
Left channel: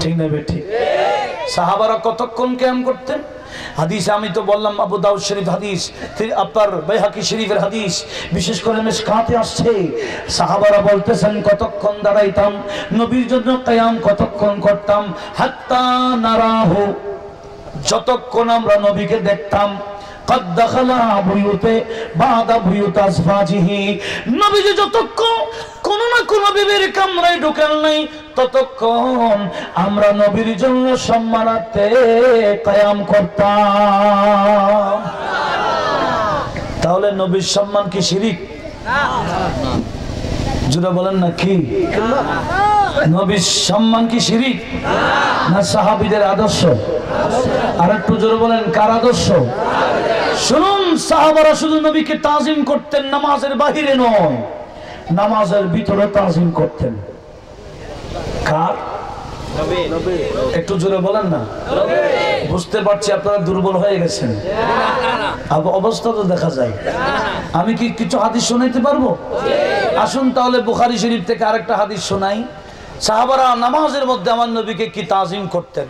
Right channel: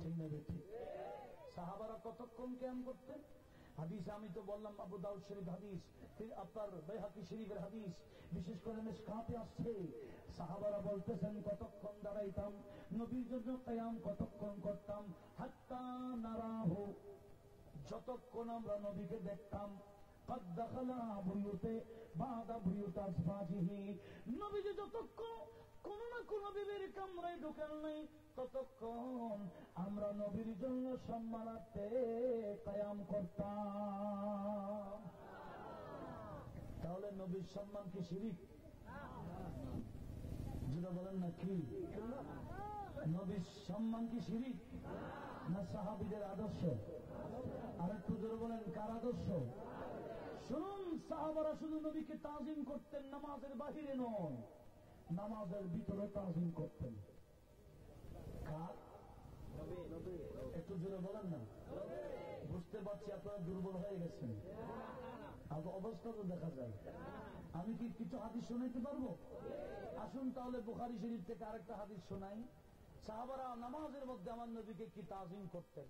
ঠিক না বেঠিক? সাহাবারা কতক্ষণ কিয়াম করতেন? হাদিসে আমি তো বললাম আবু দাউদ শরীফ হাদিস, আপনার বাইহাকি শরীফের হাদিস, বিশেষ করে মিশকাতে আসছে। সাহাবারা বলতেছেন কতক্ষণ দাঁড়াইতাম নবীর জন্য কিয়াম, কতক্ষণ করতাম? হাত্তা নারাহু, যতক্ষণ আমরা নবীকে দেখতাম। قد دخل বুয়ুতে বাদা বুয়ুত আসফাজিহি, নবীজি যতক্ষণ কোন না কোন বিবির কামরায় ঢোকেন নাই ততক্ষণ আমরা নবীর জন্য সম্মানার্থে কিয়াম করতাম। তাহলে নবীর সম্মান কি শিরক? জোরে বলেন না, কি? নবীর সম্মান কি শিরক না সাহাবীদের আদর্শ? আর একটু জোরে বলেন, কার আদর্শ? শুনুন, সাহাবারা শুধু নবীকে তাজিম করতেন, নামাজের বাহিরে নয়, নামাজের ভিতরে তাজিম করতেন। কার? একটু জোরে বলেন না। বুঝতে পারছি আপনারা দুর্বল হয়ে গেছেন, অবস্থা তো দেখা যায়। আমি কি কিছু হাদিস শোনাইতে পারবো? আসুন তাহলে বুখারী শরীফ থেকে আরেকটা হাদিস শোনাই। সাহাবারা নামাজের মধ্যে আমার নবীকে কি তাজিম করতেন।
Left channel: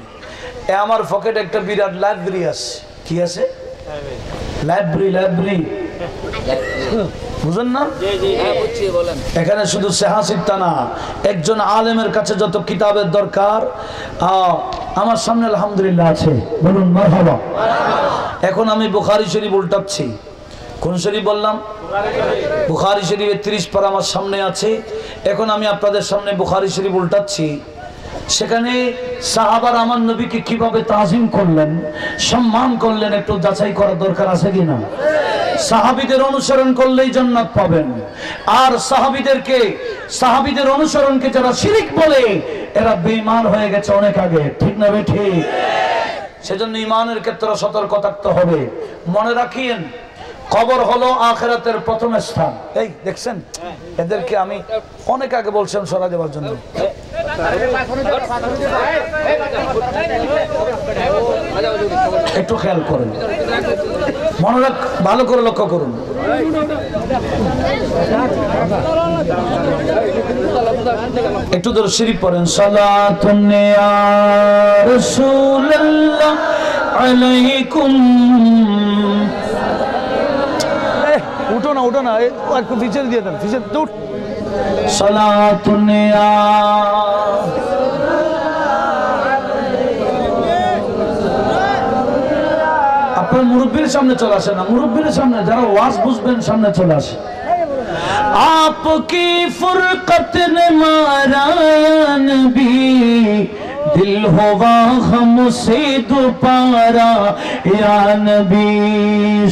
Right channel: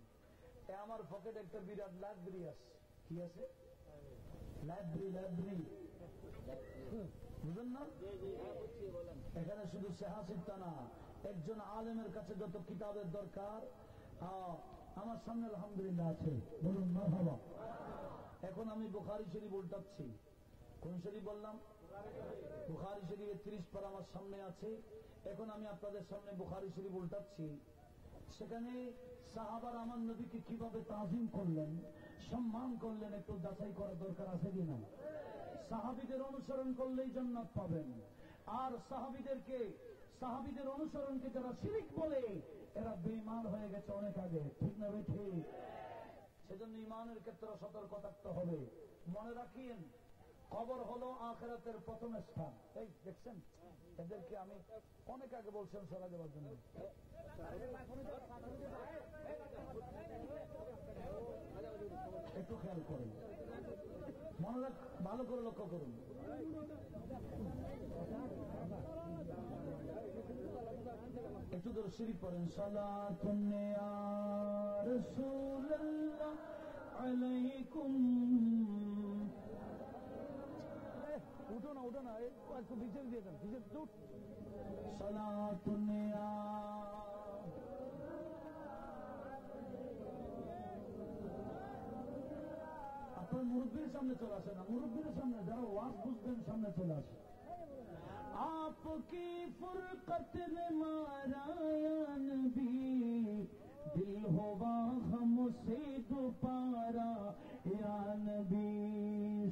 আমার পকেটে একটা বিরাট লাইব্রেরি আছে। কি আছে? লাইব্রেরি। বুঝেন না? এখানে শুধু সেহাসিবটা না, একজন আলেমের কাছে যত কিতাবের দরকার আমার সামনে আলহামদুলিল্লাহ আছে। বলুন মারহাবা। এখন আমি বুখারী শরীফ উল্টাচ্ছি। কোন শরীফ বললাম? বুখারী শরীফের 30 পারা আমার সামনে আছে। এখন আমি আপনাদের সামনে বুখারী শরীফ উল্টাচ্ছি। সেখানে সাহাবারা আমার নবীকে কিভাবে তাজিম করলেন, সম্মান করলেন, একটু যাচাই করার দরকার আছে কিনা? সাহাবীদের অনুসরণ করলেই জান্নাত পাবেন। আর সাহাবীদের অনুসরণকে যারা শিরক বলে এরা বেঈমান হয়ে গেছে অনেক আগে, ঠিক না ঠিক? সেজন্য ঈমানের ক্ষেত্রে সতর্ক থাকতে হবে। মনে রাখিয়েন, কবর হলো আখিরাতের প্রথম স্থান। এই দেখছেন, এদেরকে আমি অনেক আগে বলছিলাম সরা দেওয়ার জন্য। একটু খেয়াল করুন, মনে রাখ, ভালো করে লক্ষ্য করুন। একটু দরুদ শরীফ পড়েন। সালাতুন ইয়া রাসূলুল্লাহ আলাইকুম। উঠো না একটু পিছনে দিয়ে দেন, পিছনে উঠ। সালাতুন ইয়া আপনার মুরব্বীর সামনে চলে আসে না, মুরব্বীর সামনে যারা ওয়াজ বুঝবেন সামনে চলে আসে। आपकी फुरकत ने मारा नबी, दिल हुआ हमसे दोबारा या नबी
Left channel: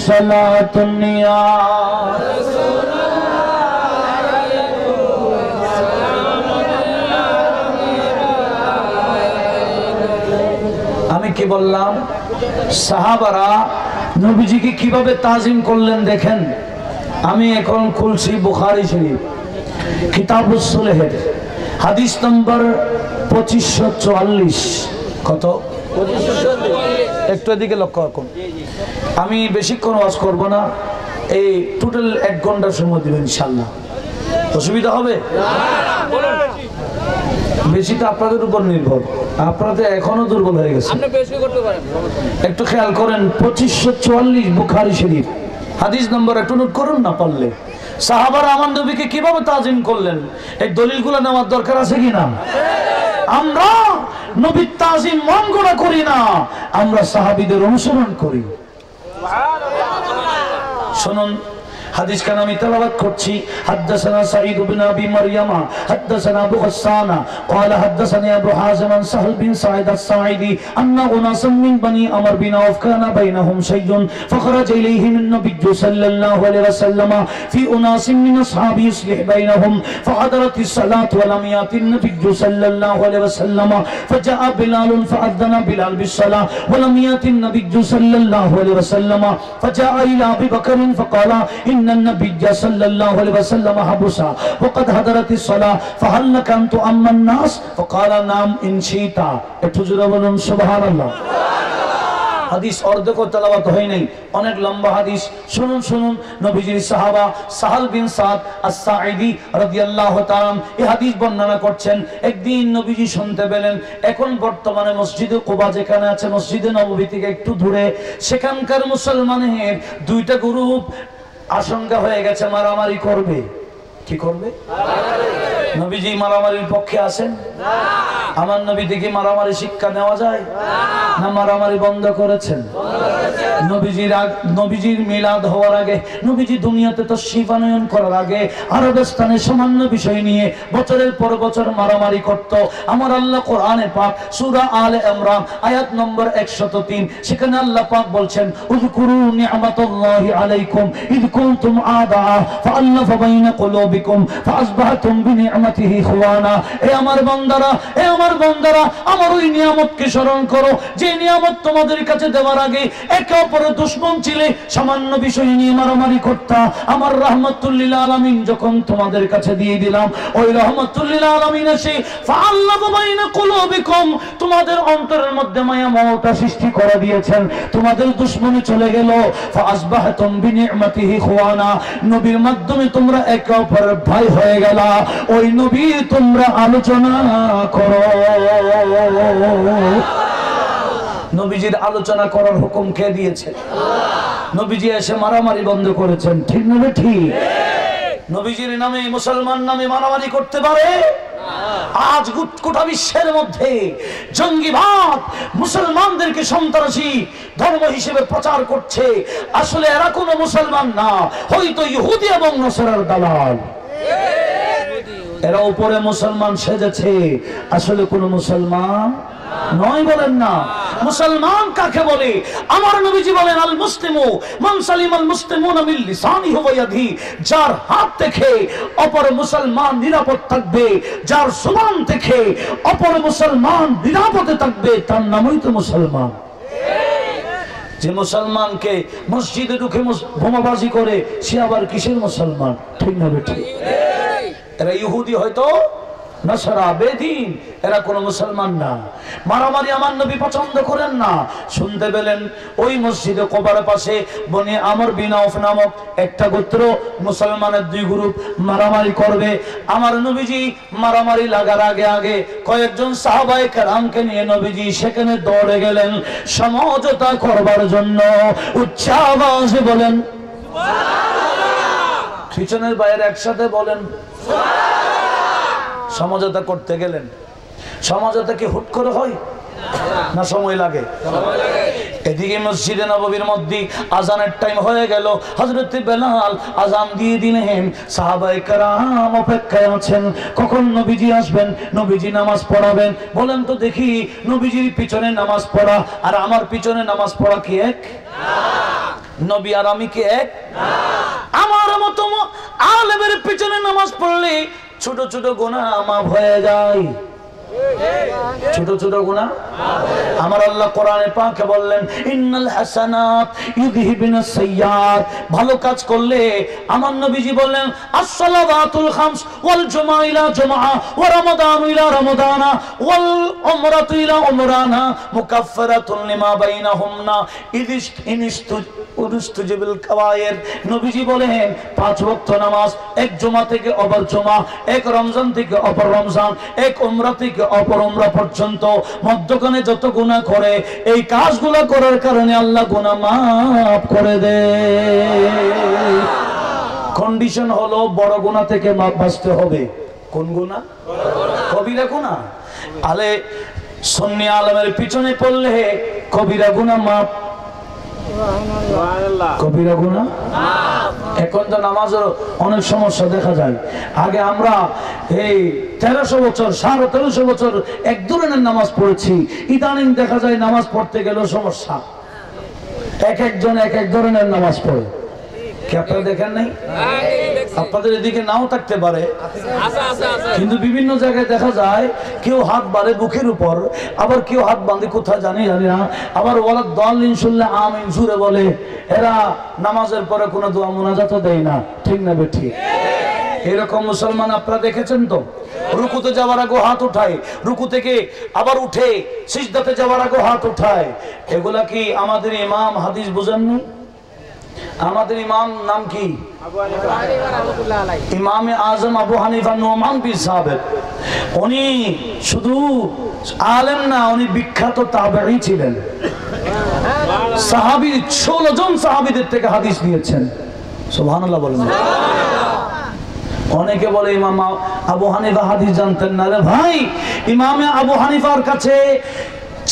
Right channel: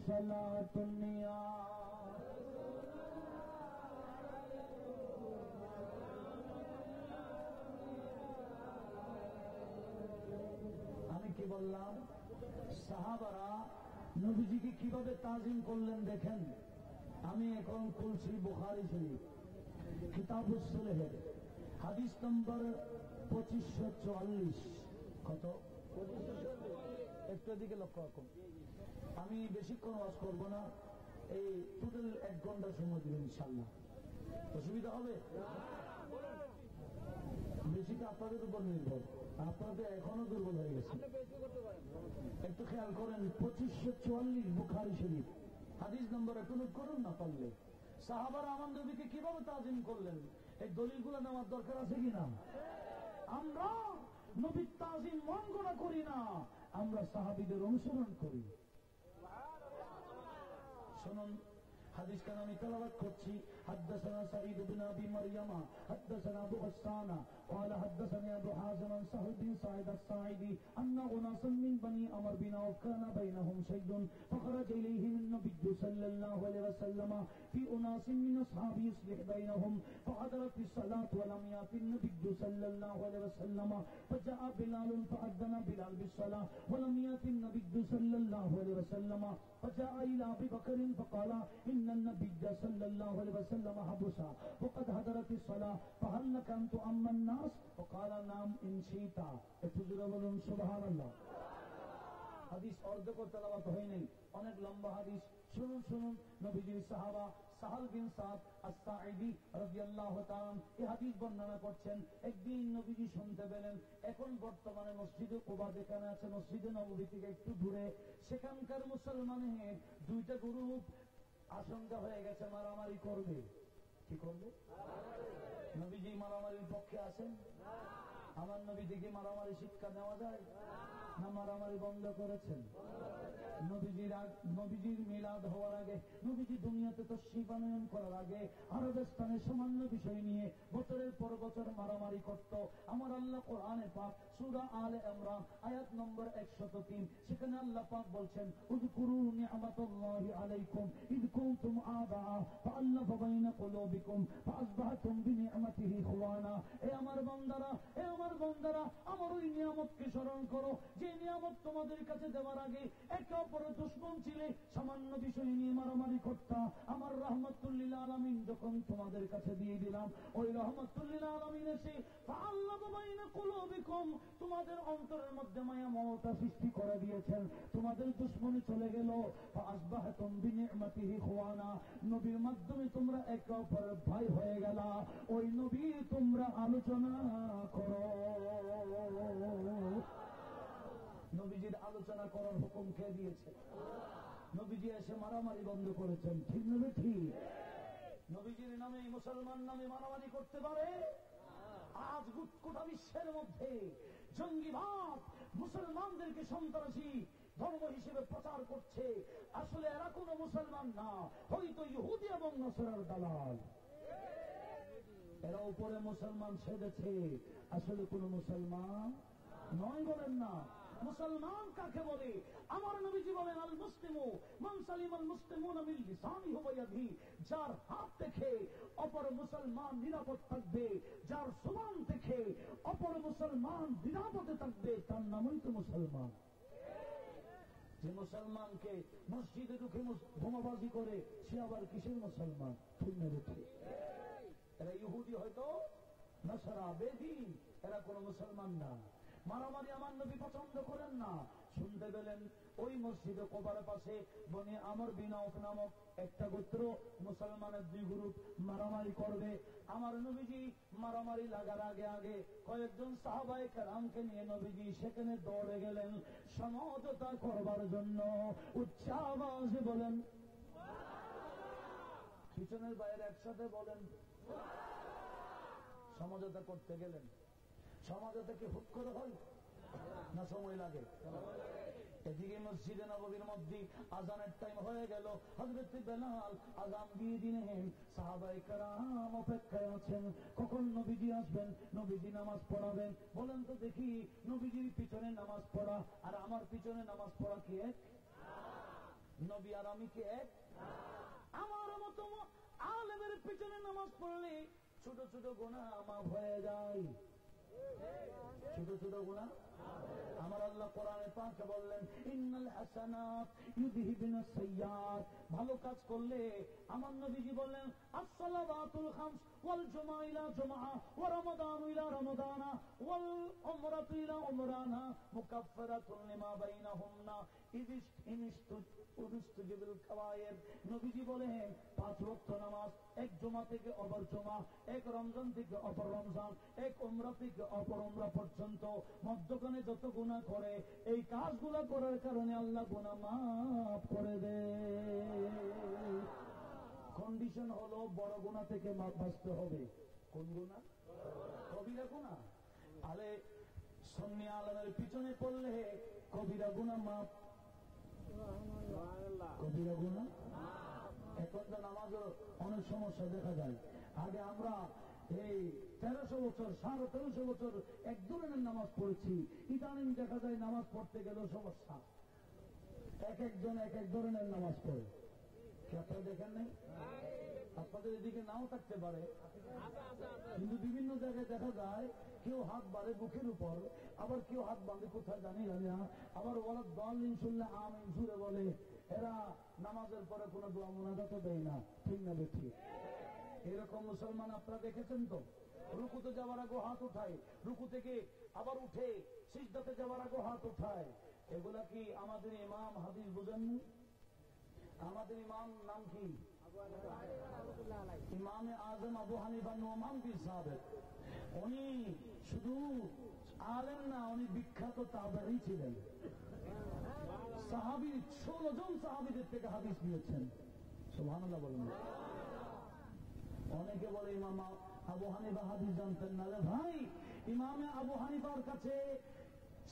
सलातुन या আমি কি বললাম? সাহাবারা নবীজিকে কিভাবে তাজিম করলেন দেখেন। আমি এখন খুলছি বুখারী শরীফ, কিতাবুস সুলহের হাদিস নম্বর 2544। কত? 2544। একটু এদিকে লক্ষ্য রাখুন। আমি বেশিক্ষণ ওয়াজ করব না, এই টোটাল 1 ঘন্টার সময় দিবেন ইনশাআল্লাহ। অসুবিধা হবে না? বেশিটা আপনাদের উপর নির্ভর, আপনাদের এখনো দুর্বল হয়ে গেছে। আপনি বেশি করতে পারেন, একটু খেয়াল করেন। 2544 বুখারী শরীফ হাদিস নম্বর একটু নোট করুন না পারলে। সাহাবারা আমার নবীকে কিভাবে তাজিম করলেন, এই দলিলগুলো নেওয়ার দরকার আছে কিনা? আমরা নবীর তাজিম মন গড়া করি না, আমরা সাহাবীদের অনুসরণ করি। শুনুন হাদিস কান আমি তেলাওয়াত করছি। হাদাসানা সাঈদ ইবনে আবি মারইয়ামা হাদাসানা আবু হাসান قال حدثني ابو حازم عن سهل بن سعيد الساعدي ان اناس من بني عمر بن عوف كان بينهم شيء فخرج اليهم النبي صلى الله عليه وسلم في اناس من اصحابه يصلح بينهم فحضرت الصلاه ولم يأت النبي صلى الله عليه وسلم فجاء بلال فأذن بلال بالصلاه ولم يأت النبي صلى الله عليه وسلم فجاء الى ابي بكر فقال ان النبي صلى الله عليه وسلم حبسا وقد حضرت الصلاه فهل لك ان تؤم الناس فقال نعم ان شئت। একটু জোরে বলুন সুবহানাল্লাহ। হাদিস অর্ধেক তেলাওয়াত হয় নাই, অনেক লম্বা হাদিস। শুনুন শুনুন, নবীজির সাহাবা সাহাল বিন সাদ আস-সাঈদি রাদিয়াল্লাহু তাআলা এই হাদিস বর্ণনা করছেন। একদিন নবীজি শুনতে পেলেন, এখন বর্তমানে মসজিদে কুবা যেখানে আছে, মসজিদে নববী থেকে একটু দূরে, সেখানকার মুসলমানের 2টা গ্রুপ আশঙ্কা হয়ে গেছে মারামারি করবে। কি করবে? নবীজি মারামারির পক্ষে আছেন না। আমার নবী থেকে মারামারি শিক্ষা নেওয়া যায় না? মারামারি বন্ধ করেছেন। নবীজির মিলাদ হওয়ার আগে, নবীজি দুনিয়াতে তাশরীফ আনয়ন করার আগে আরবস্থানে সামান্য বিষয় নিয়ে বছরের পর বছর মারামারি করত। আমার আল্লাহ কোরআনে পাক সূরা আলে ইমরান আয়াত নম্বর 103, সেখানে আল্লাহ পাক বলছেন উযকুরু নি'মাতাল্লাহি আলাইকুম ইয কুনতুম আ'দা ফাআল্লাফা বাইনা কুলুবিকুম ফাআসবাহতুম বিনি'মাতিহি ইখওয়ানা। এ আমার বান্দারা, এ আমার বান্দারা, আমার ওই নিয়ামতকে স্মরণ করো যে নিয়ামত তোমাদের কাছে দেওয়ার আগে একে অপরের দুশমন ছিলে, সামান্য বিষয় নিয়ে মারামারি করতা। আমার রাহমাতুল লিল আলামিন যখন তোমাদের কাছে দিয়ে দিলাম, ওই রাহমাতুল লিল আলামিন এসে ফাআল্লাফা বাইনা কুলুবিকুম, তোমাদের অন্তরের মধ্যে মায়া মমতা সৃষ্টি করে দিয়েছেন, তোমাদের দুশমনি চলে গেল। ফাআসবাহতুম বিনি'মাতিহি ইখওয়ানা, নবীর মাধ্যমে তোমরা একে অপরের ভাই হয়ে গেলা। ওই নবী তোমরা আলোচনা করো। নবীজির আলোচনা করার হুকুম কে দিয়েছে? নবীজি এসে মারামারি বন্ধ করেছেন, ঠিক না ঠিক? নবীজির নামে মুসলমান নামে মারামারি করতে পারে? আজ গোটা বিশ্বের মধ্যে জঙ্গিবাদ মুসলমানদেরকে সন্ত্রাসী ধর্ম হিসেবে প্রচার করছে। আসলে এরা কোনো মুসলমান না, হয়তো ইহুদি এবং নসরার দালাল। এরা উপরে মুসলমান সেজেছে, আসলে কোনো মুসলমান নয়। বলেন না মুসলমান কাকে বলে? আমার নবীজি বলেন আল মুসলিমু মান সালিমাল মুসলিমুনা মিন লিসানিহি ওয়া ইয়াদিহি, যার হাত থেকে অপর মুসলমান নিরাপদ থাকবে, যার জবান থেকে অপর মুসলমান নিরাপদে থাকবে, তার নামই তো মুসলমান। যে মুসলমানকে মসজিদে ঢুকে বোমাবাজি করে সে আবার কিসের মুসলমান? ঠিক না বেঠিক? এরা ইহুদি হয়তো নসরা বেদিন, এরা কোনো মুসলমান না। মারামারি আমার নবী পছন্দ করেন না। শুনতে পেলেন ওই মসজিদে কোবার পাশে বনি আমর বিন আউফ নামক একটা গোত্র মুসলমানের দুই গ্রুপ মারামারি করবে। আমার নবীজি মারামারি লাগার আগে আগে কয়েকজন সাহাবায়ে কেরামকে নিয়ে নবীজি সেখানে দৌড়ে গেলেন সমঝোতা করবার জন্য। উচ্চ আওয়াজে বলেন সুবহানাল্লাহ। পিছনের বাইরে একসাথে বলেন সুবহানাল্লাহ। সমঝোতা করতে গেলেন। সমঝোতা কি হুট করে হয় না সময় লাগে? এদিকে মসজিদে নববীর মধ্যে আজানের টাইম হয়ে গেল। হযরত বেলাল আজান দিয়ে দিলেন। সাহাবায়ে কেরাম অপেক্ষায় আছেন কখন নবীজি আসবেন, নবীজি নামাজ পড়াবেন। বলেন তো দেখি, নবীজির পিছনে নামাজ পড়া আর আমার পিছনে নামাজ পড়া কি এক? নবী আর আমি কি এক? আমার মতো আলেমের পিছনে নামাজ পড়লে ছোট ছোট গুনাহ মাফ হয়ে যায়। ছোট ছোট গুনাহ আমার আল্লাহ কোরআনে পাকে বললেন ইন্নাল হাসানাত ইউযহিবুনাস সাইয়্যাত। ভালো কাজ করলে আমার নবীজি বললেন as-সালাওয়াতুল খামস ওয়াল জুমআ ইলা জুমআ ওয়া রমাদান ইলা রমাদানা ওয়াল উমরাতু ইলা উমরানা মুকাফফারাতুন লিমা বাইনাহুমনা ইনিস্তুজিবুল কাবায়ের। নবীজি বলেন 5 ওয়াক্ত নামাজ এক জুমা থেকে অপর জুমা, এক রমজান থেকে অপর রমজান, এক উমরা থেকে অপর উমরা পর্যন্ত মধ্যখানে যত গুনাহ করে এই কাজগুলো করার কারণে আল্লাহ গুনাহ মাফ করে দেয়। কন্ডিশন হলো বড় গুনাহ থেকে মাফ বাঁচতে হবে। কোন গুনাহ? কবিরা গুনাহ। আলে সুন্নি আলেমের পিছনে পড়লে কবিরা গুনাহ মাফ। কবিরা গুনাহ এখন তো নামাজের অনেক সমস্যা দেখা যায়। আগে আমরা এই 1300 বছর 1350 বছর এক ধরনের নামাজ পড়েছি, ইদানিং দেখা যায় নামাজ পড়তে গেলেও সমস্যা। এক একজন এক এক ধরনের নামাজ পড়ে। কি আপনারা দেখেন নাই? আপনাদের এদিকে নাও থাকতে পারে, কিন্তু বিভিন্ন জায়গায় দেখা যায় কেউ হাত বাড়ে বুকের উপর, আবার কেউ হাত বাঁধে কোথায় জানি না, আবার ওয়ালাদ দাল্লিন শুনলে আমিন জুড়ে বলে। এরা নামাজের পরে কোনো দোয়া মুনাজাত দেয় না। ঠিক না বেঠিক? এরকম মুসলমান আপনারা দেখেছেন তো? রুকুতে যাওয়ার আগে হাত উঠায়, রুকু থেকে আবার উঠে সিজদাতে যাওয়ার আগে হাত উঠায়। এগুলা কি আমাদের ইমাম হাদিস বুঝেননি? আমাদের ইমাম নাম কি? ইমামে আজম আবু হানিফা নোমান পীর সাহেব। উনি শুধু আলেম না, উনি বিখ্যাত তাবেঈ ছিলেন। সাহাবী 16 জন সাহাবীদের থেকে হাদিস নিয়েছেন। সুবহানাল্লাহ বলেন। অনেকে বলে ইমাম আবু হানিফা হাদিস জানতেন না। রে ভাই, ইমামে আবু হানিফার কাছে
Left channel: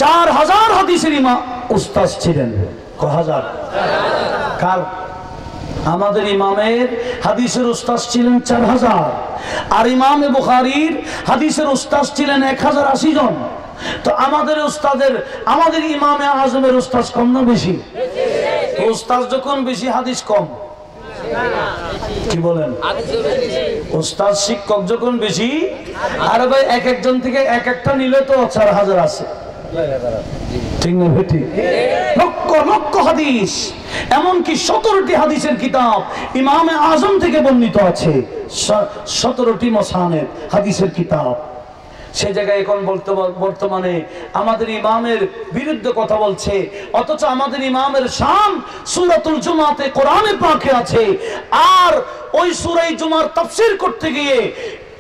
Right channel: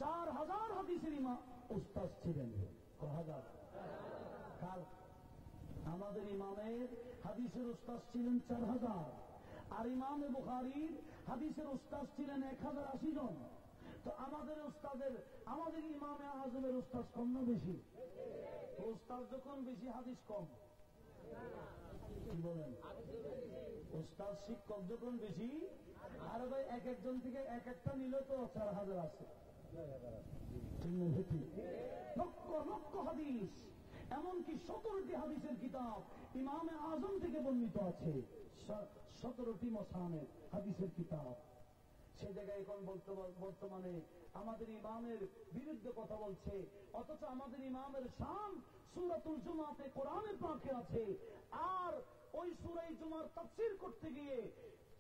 4000 হাদিসের ইমাম উস্তাদ ছিলেন। কয় হাজার? কার? আমাদের ইমামের হাদিসের উস্তাদ ছিলেন 4000, আর ইমামে বুখারীর হাদিসের উস্তাদ ছিলেন 1080 জন। তো আমাদের উস্তাদের, আমাদের ইমামে আজমের উস্তাদ কম না বেশি? উস্তাদ যখন বেশি হাদিস কম। কি বলেন? উস্তাদ শিক্ষক যখন বেশি, আর ভাই এক একজন থেকে এক একটা নিলে তো 4000 আছে। ঠিক না বেটি? লক্ষ লক্ষ হাদিস, এমনকি 17টি হাদিসের কিতাব ইমামে আজম থেকে বর্ণিত আছে। 17টি মুসানেদ হাদিসের কিতাব। সে জায়গায় এখন বর্তমানে আমাদের ইমামের বিরুদ্ধে কথা বলছে, অথচ আমাদের ইমামের শান সূরাতুল জুমাতে কোরআনে পাকে আছে। আর ওই সূরা জুমার তাফসীর করতে গিয়ে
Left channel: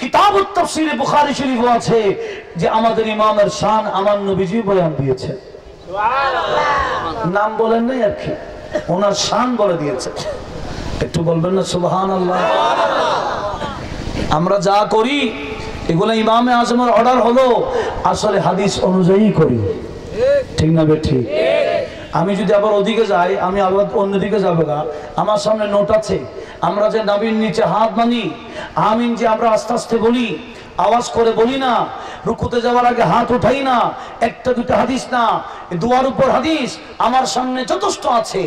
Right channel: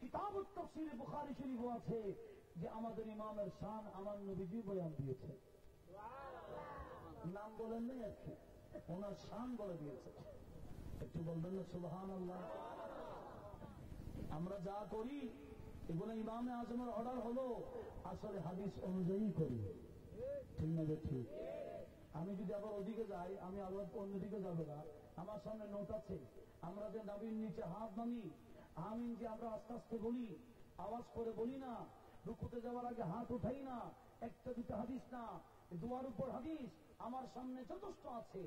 কিতাবুত তাফসীরে বুখারী শরীফও আছে যে আমাদের ইমামের শান আমার নবীজি বয়ান দিয়েছেন। সুবহানাল্লাহ। নাম বলেন নাই আর কি, ওনার শান বলে দিয়েছে। একটু বলবেন না সুবহানাল্লাহ? আমরা যা করি এগুলো ইমামে আজমের অর্ডার হলো, আসলে হাদিস অনুযায়ী করি, ঠিক না বেঠিক? আমি যদি আবার ওদিকে যাই, আমি আবার অন্যদিকে যাবো না। আমার সামনে নোট আছে, আমরা যে নবীর নিচে হাত মানি, আমিন যে আমরা আস্তে আস্তে বলি, আওয়াজ করে বলি না, রুকুতে যাওয়ার আগে হাত উঠাই না, একটা দুটো হাদিস না, দুয়ার উপর হাদিস আমার সামনে যথেষ্ট আছে।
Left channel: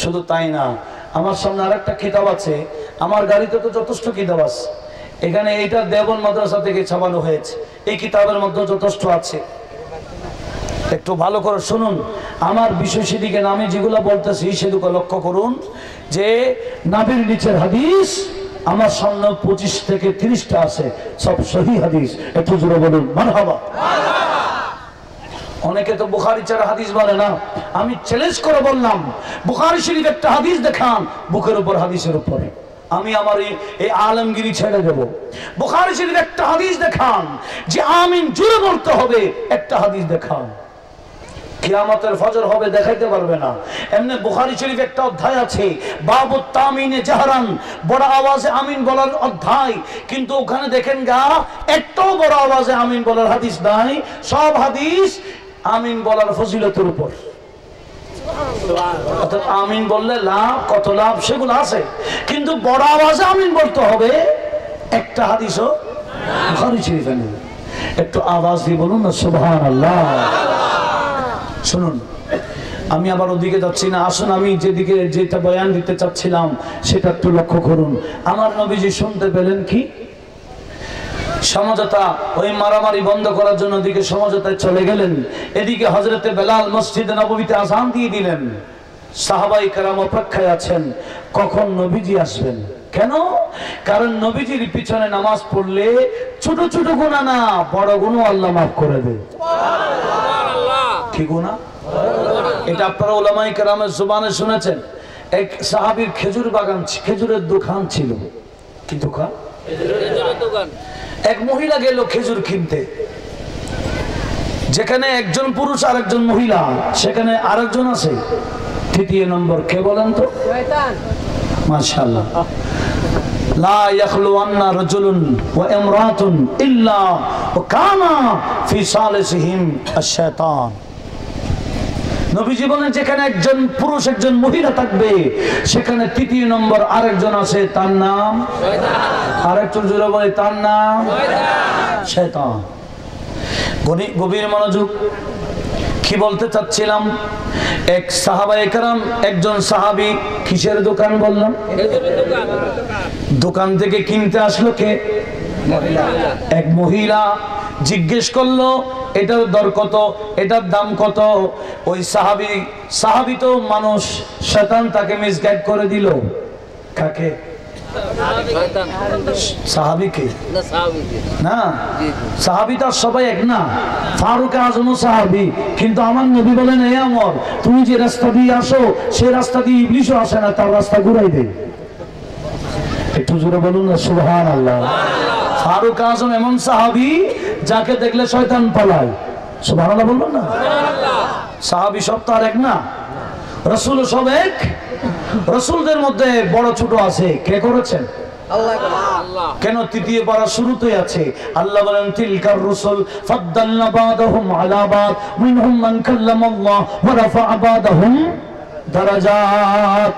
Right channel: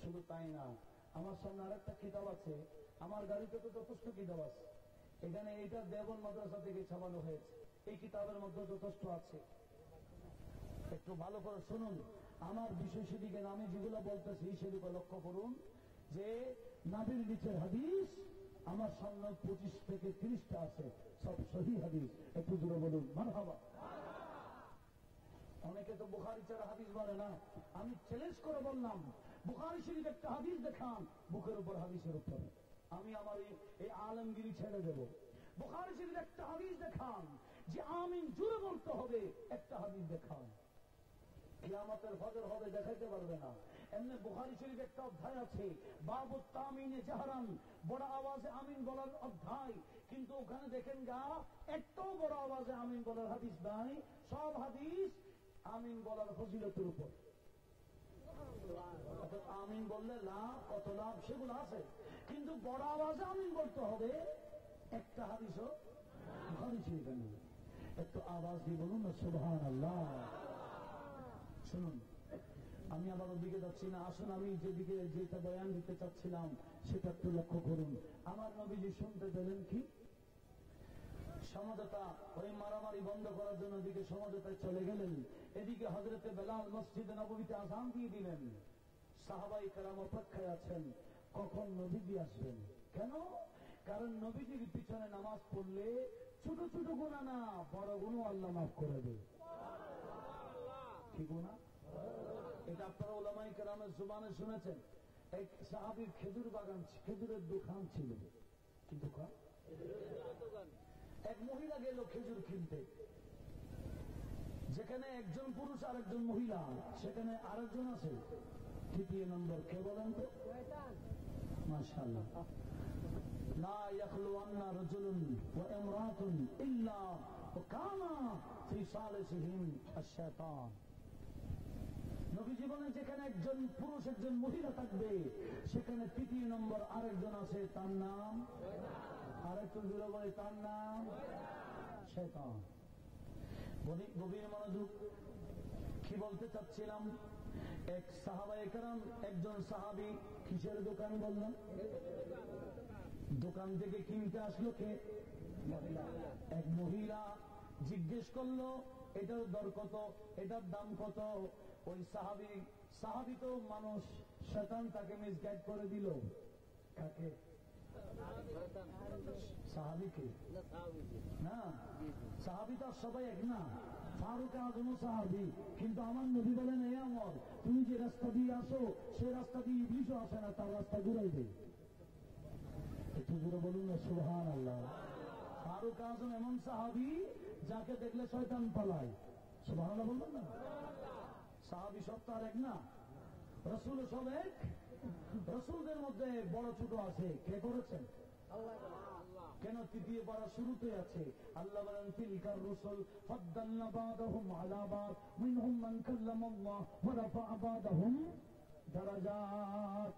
শুধু তাই না, আমার সামনে আরেকটা কিতাব আছে, আমার গাড়িতে তো যথেষ্ট কিতাব আছে, এখানে এইটা দেওবন্দ মাদ্রাসা থেকে ছাপানো হয়েছে, এই কিতাবের মধ্যে যথেষ্ট আছে। একটু ভালো করে শুনুন, আমার বিষয় সেদিকে নামে যেগুলো বলতেছি সেদিকে লক্ষ্য করুন, যে নাবির নিচের হাদিস আমার সামনে 25 থেকে 30টা আছে, সব সহি হাদিস। একটু জোরে বলুন মারহাবা। অনেকে তো বুখারী ছাড়া হাদিস বলে না, আমি চ্যালেঞ্জ করে বললাম বুখারী শরীফ একটা হাদিস দেখান, বুকের উপর হাদিসের উপরে আমি আমার এই আলমগিরি ছেড়ে দেব। বুখারী শরীফ একটা হাদিস দেখান যে আমিন জোরে বলতে হবে, একটা হাদিস দেখান, কিয়ামতের ফজর হবে দেখাইতে পারবে না। এমনি বুখারী শরীফ একটা অধ্যায় আছে বাবুত তামিনে জাহরান, বড় আওয়াজে আমিন বলার অধ্যায়, কিন্তু ওখানে দেখেন গা একটাও বড় আওয়াজে আমিন বলার হাদিস নাই, সব হাদিস আমিন বলার ফজিলতের উপর। অর্থাৎ আমিন বললে লাভ, কত লাভ সেগুলো আছে, কিন্তু বড় আওয়াজে আমিন বলতে হবে, একটা হাদিসও বুখারী শরীফে নেই। একটু আওয়াজ দিয়ে বলুন না সুবহানাল্লাহ। শুনুন, আমি আবার ওদিকে যাচ্ছি না, আসুন আমি যেদিকে যেটা বয়ান দিতে চাচ্ছিলাম সেটা একটু লক্ষ্য করুন। আমার নবীজি শুনতে পেলেন কি? সমঝোতা, ওই মারামারি বন্ধ করার জন্য ওদিকে সমঝোতায় চলে গেলেন, এদিকে হযরতে বেলাল মসজিদে নববীতে আযান দিয়ে দিলেন। সাহাবাই কেরাম অপেক্ষায় আছেন কখন নবীজি আসবেন। কেন? কারণ নবীজির পিছনে নামাজ পড়লে ছোট ছোট গুনাহ না, বড় গুনাহ আল্লাহ মাফ করে দেয়। কি গুনাহ? এটা আপনারা উলামায়ে কেরামের জবানে শুনেছেন। এক সাহাবীর খেজুর বাগান, খেজুরের দোকান ছিল। কি দোকান? খেজুরের দোকান। এক মহিলা গেল খেজুর কিনতে, যেখানে একজন পুরুষ আর একজন মহিলা, সেখানে আরেকজন আছে, তৃতীয় নম্বর কে বলেন তো? শয়তান। মাশাআল্লাহ। লা ইয়াখলুওয়ান্না রাজুলুন ওয়া ইমরাতুন ইল্লা ওয়া কানা ফি সালিসিহিম আশ-শায়তান। নবীজি বলেন যেখানে একজন পুরুষ একজন মহিলা থাকবে, সেখানে তৃতীয় নম্বর আরেকজন আছে, তার নাম শয়তান। আরেকজন জোরে বলে তার নাম শয়তান। গভীর মনোযোগ। কি বলতে চাচ্ছিলাম, এক সাহাবায়ে কেরাম, একজন সাহাবী কিসের দোকান বললাম? দোকান থেকে কিনতে আসলো কে? এক মহিলা। জিজ্ঞেস করলো এটার দর কত, এটার দাম কত। ওই সাহাবী তো মানুষ, শয়তান তাকে মিসগাইড করে দিল। কাকে? সাহাবীকে না, সাহাবী তো সবাই এক না। ফারুক আজমও সাহাবী, কিন্তু আমার নবী বলেন হে আমর, তুমি যে রাস্তা দিয়ে আসো সেই রাস্তা দিয়ে ইবলিশও আসে না, তার রাস্তা ঘুরাই দেয়। একটু জোরে বলুন না সুবহানাল্লাহ। ফারুক আজম এমন সাহাবী যাকে দেখলে শয়তান পালায়। সুবহানাল্লাহ বলবেন না? সাহাবী সব তো আর এক না, রাসূল সব এক। রাসূলদের মধ্যে বড় ছোট আছে, কে করেছেন? আল্লাহ। কেন? তৃতীয় পারা শুরুতেই আছে, আল্লাহ বলেন তিলকার রাসূল ফাদ্দালনা বাদাহুম আলা বাদ মিনহুম মান কাল্লামাল্লাহ ওয়া রাফা'a বাদাহুম দারাজাত।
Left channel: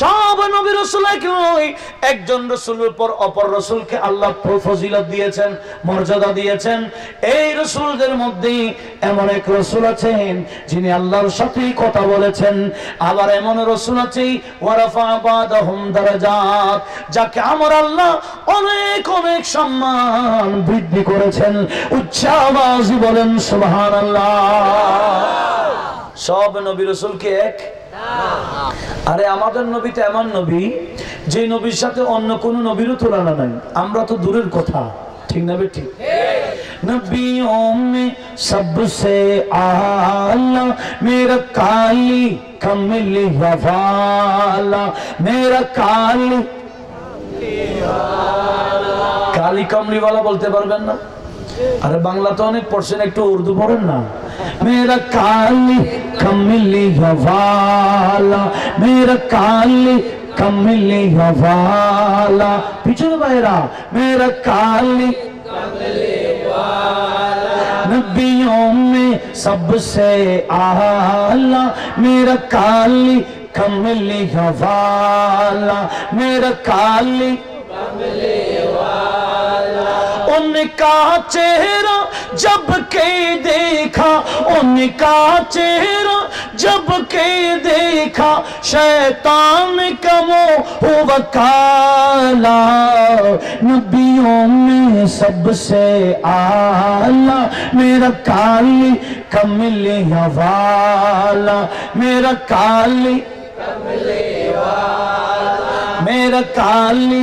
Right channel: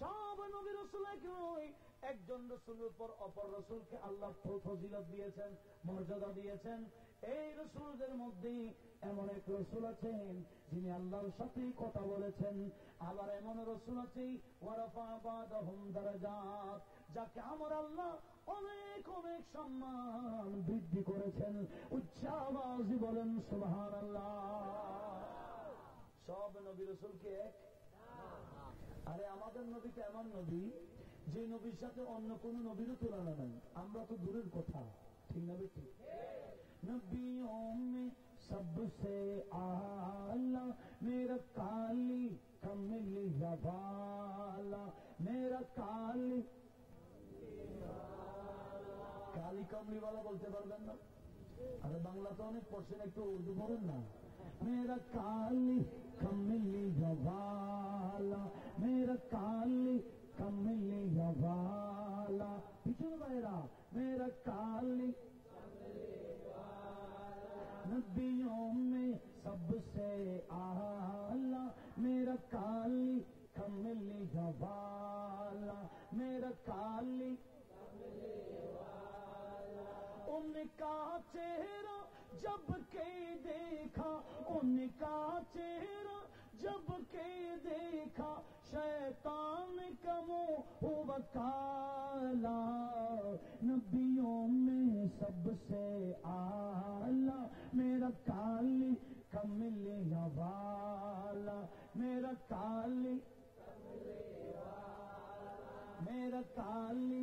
সব নবী রাসূল একই, একজন রাসূলের উপর অপর রাসূলকে আল্লাহ ফজিলত দিয়েছেন, মর্যাদা দিয়েছেন। এই রাসূলদের মধ্যে এমন এক রাসূল আছেন যিনি আল্লাহর সাথে কথা বলেছেন, আবার এমন রাসূল আছে ওয়া রাফা'a বাদাহুম দারাজাত, যাকে আমার আল্লাহ অনেক অনেক সম্মান বৃদ্ধি করেছেন। উচ্চ আওয়াজে বলেন সুবহানাল্লাহ। সব নবী রাসূল কি এক? আরে আমাদের নবী তো এমন নবী যে নবীর সাথে অন্য কোন নবীরও তুলনা নাই। আমরা তো দূরের কথা, ঠিক না বেঠিক? নবিयों में सबसे आला मेरा काली कमली वाला, मेरा काली काली कमली वाला বলতে পারবেন না? আরে বাংলা তো অনেক পড়ছেন, একটু উর্দু পড়েন না। मेरा काली कमली वाला, मेरा काली कमली वाला, पीछे भाईरा मेरा काली नबियों में सबसे आला, मेरा काली कमली वाला, मेरा काली उनका चेहरा जब के देखा, उनका चेहरा जब के देखा, शैतान का मोह काला, नबियों में सबसे आला, मेरा काली कमली वाला, मेरा काली मेरा काली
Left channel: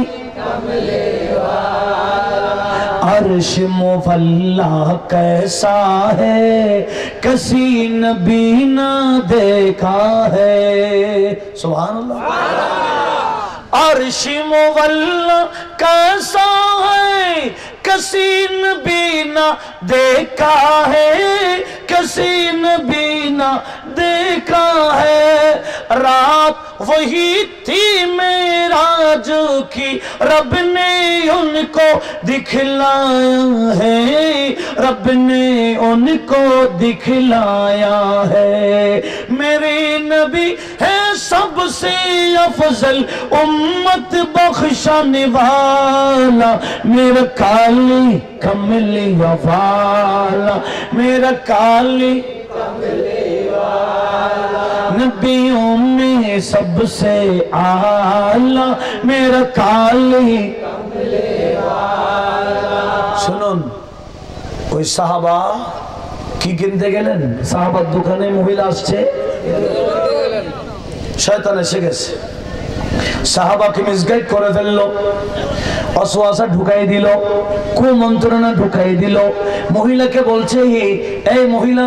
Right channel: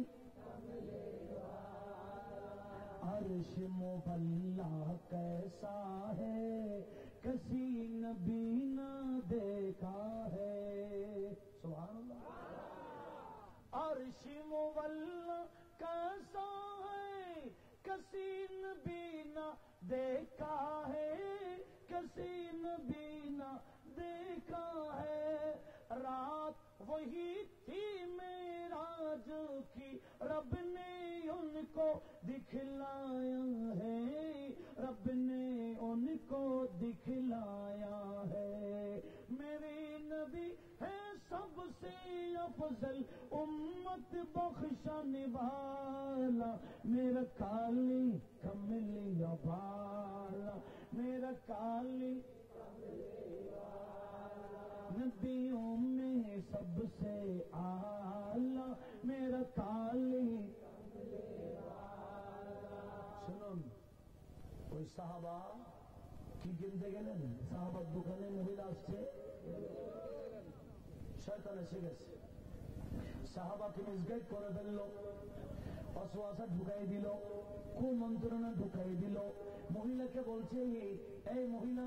अर्श मुवल्ला कैसा है, किसी नबी न देखा है। सुभान अल्लाह। अर्श मुवल्ला कैसा है, किसी नबी न देखा है, किसी नबी न देखा है। रात वही थी मेराज की, रब ने उनको दिखलाया है, रब ने उनको दिखलाया है। मेरे नबी है सबसे अफजल उम्मत बख्शाने वाला, मेरा काली कमली वाला, मेरा काली नबियों में सबसे आला, मेरा काली। শুনুন, ওই সাহাবা কি কিনতে গেলেন? সাহাবার দোকানে মহিলা আসছে, শয়তান এসে গেছে, সাহাবাকে মিসগাইড করে ফেললো, অসওয়াসা ঢুকাই দিল, কুমন্ত্রণা ঢুকাই দিল। মহিলাকে বলছে, এই মহিলা,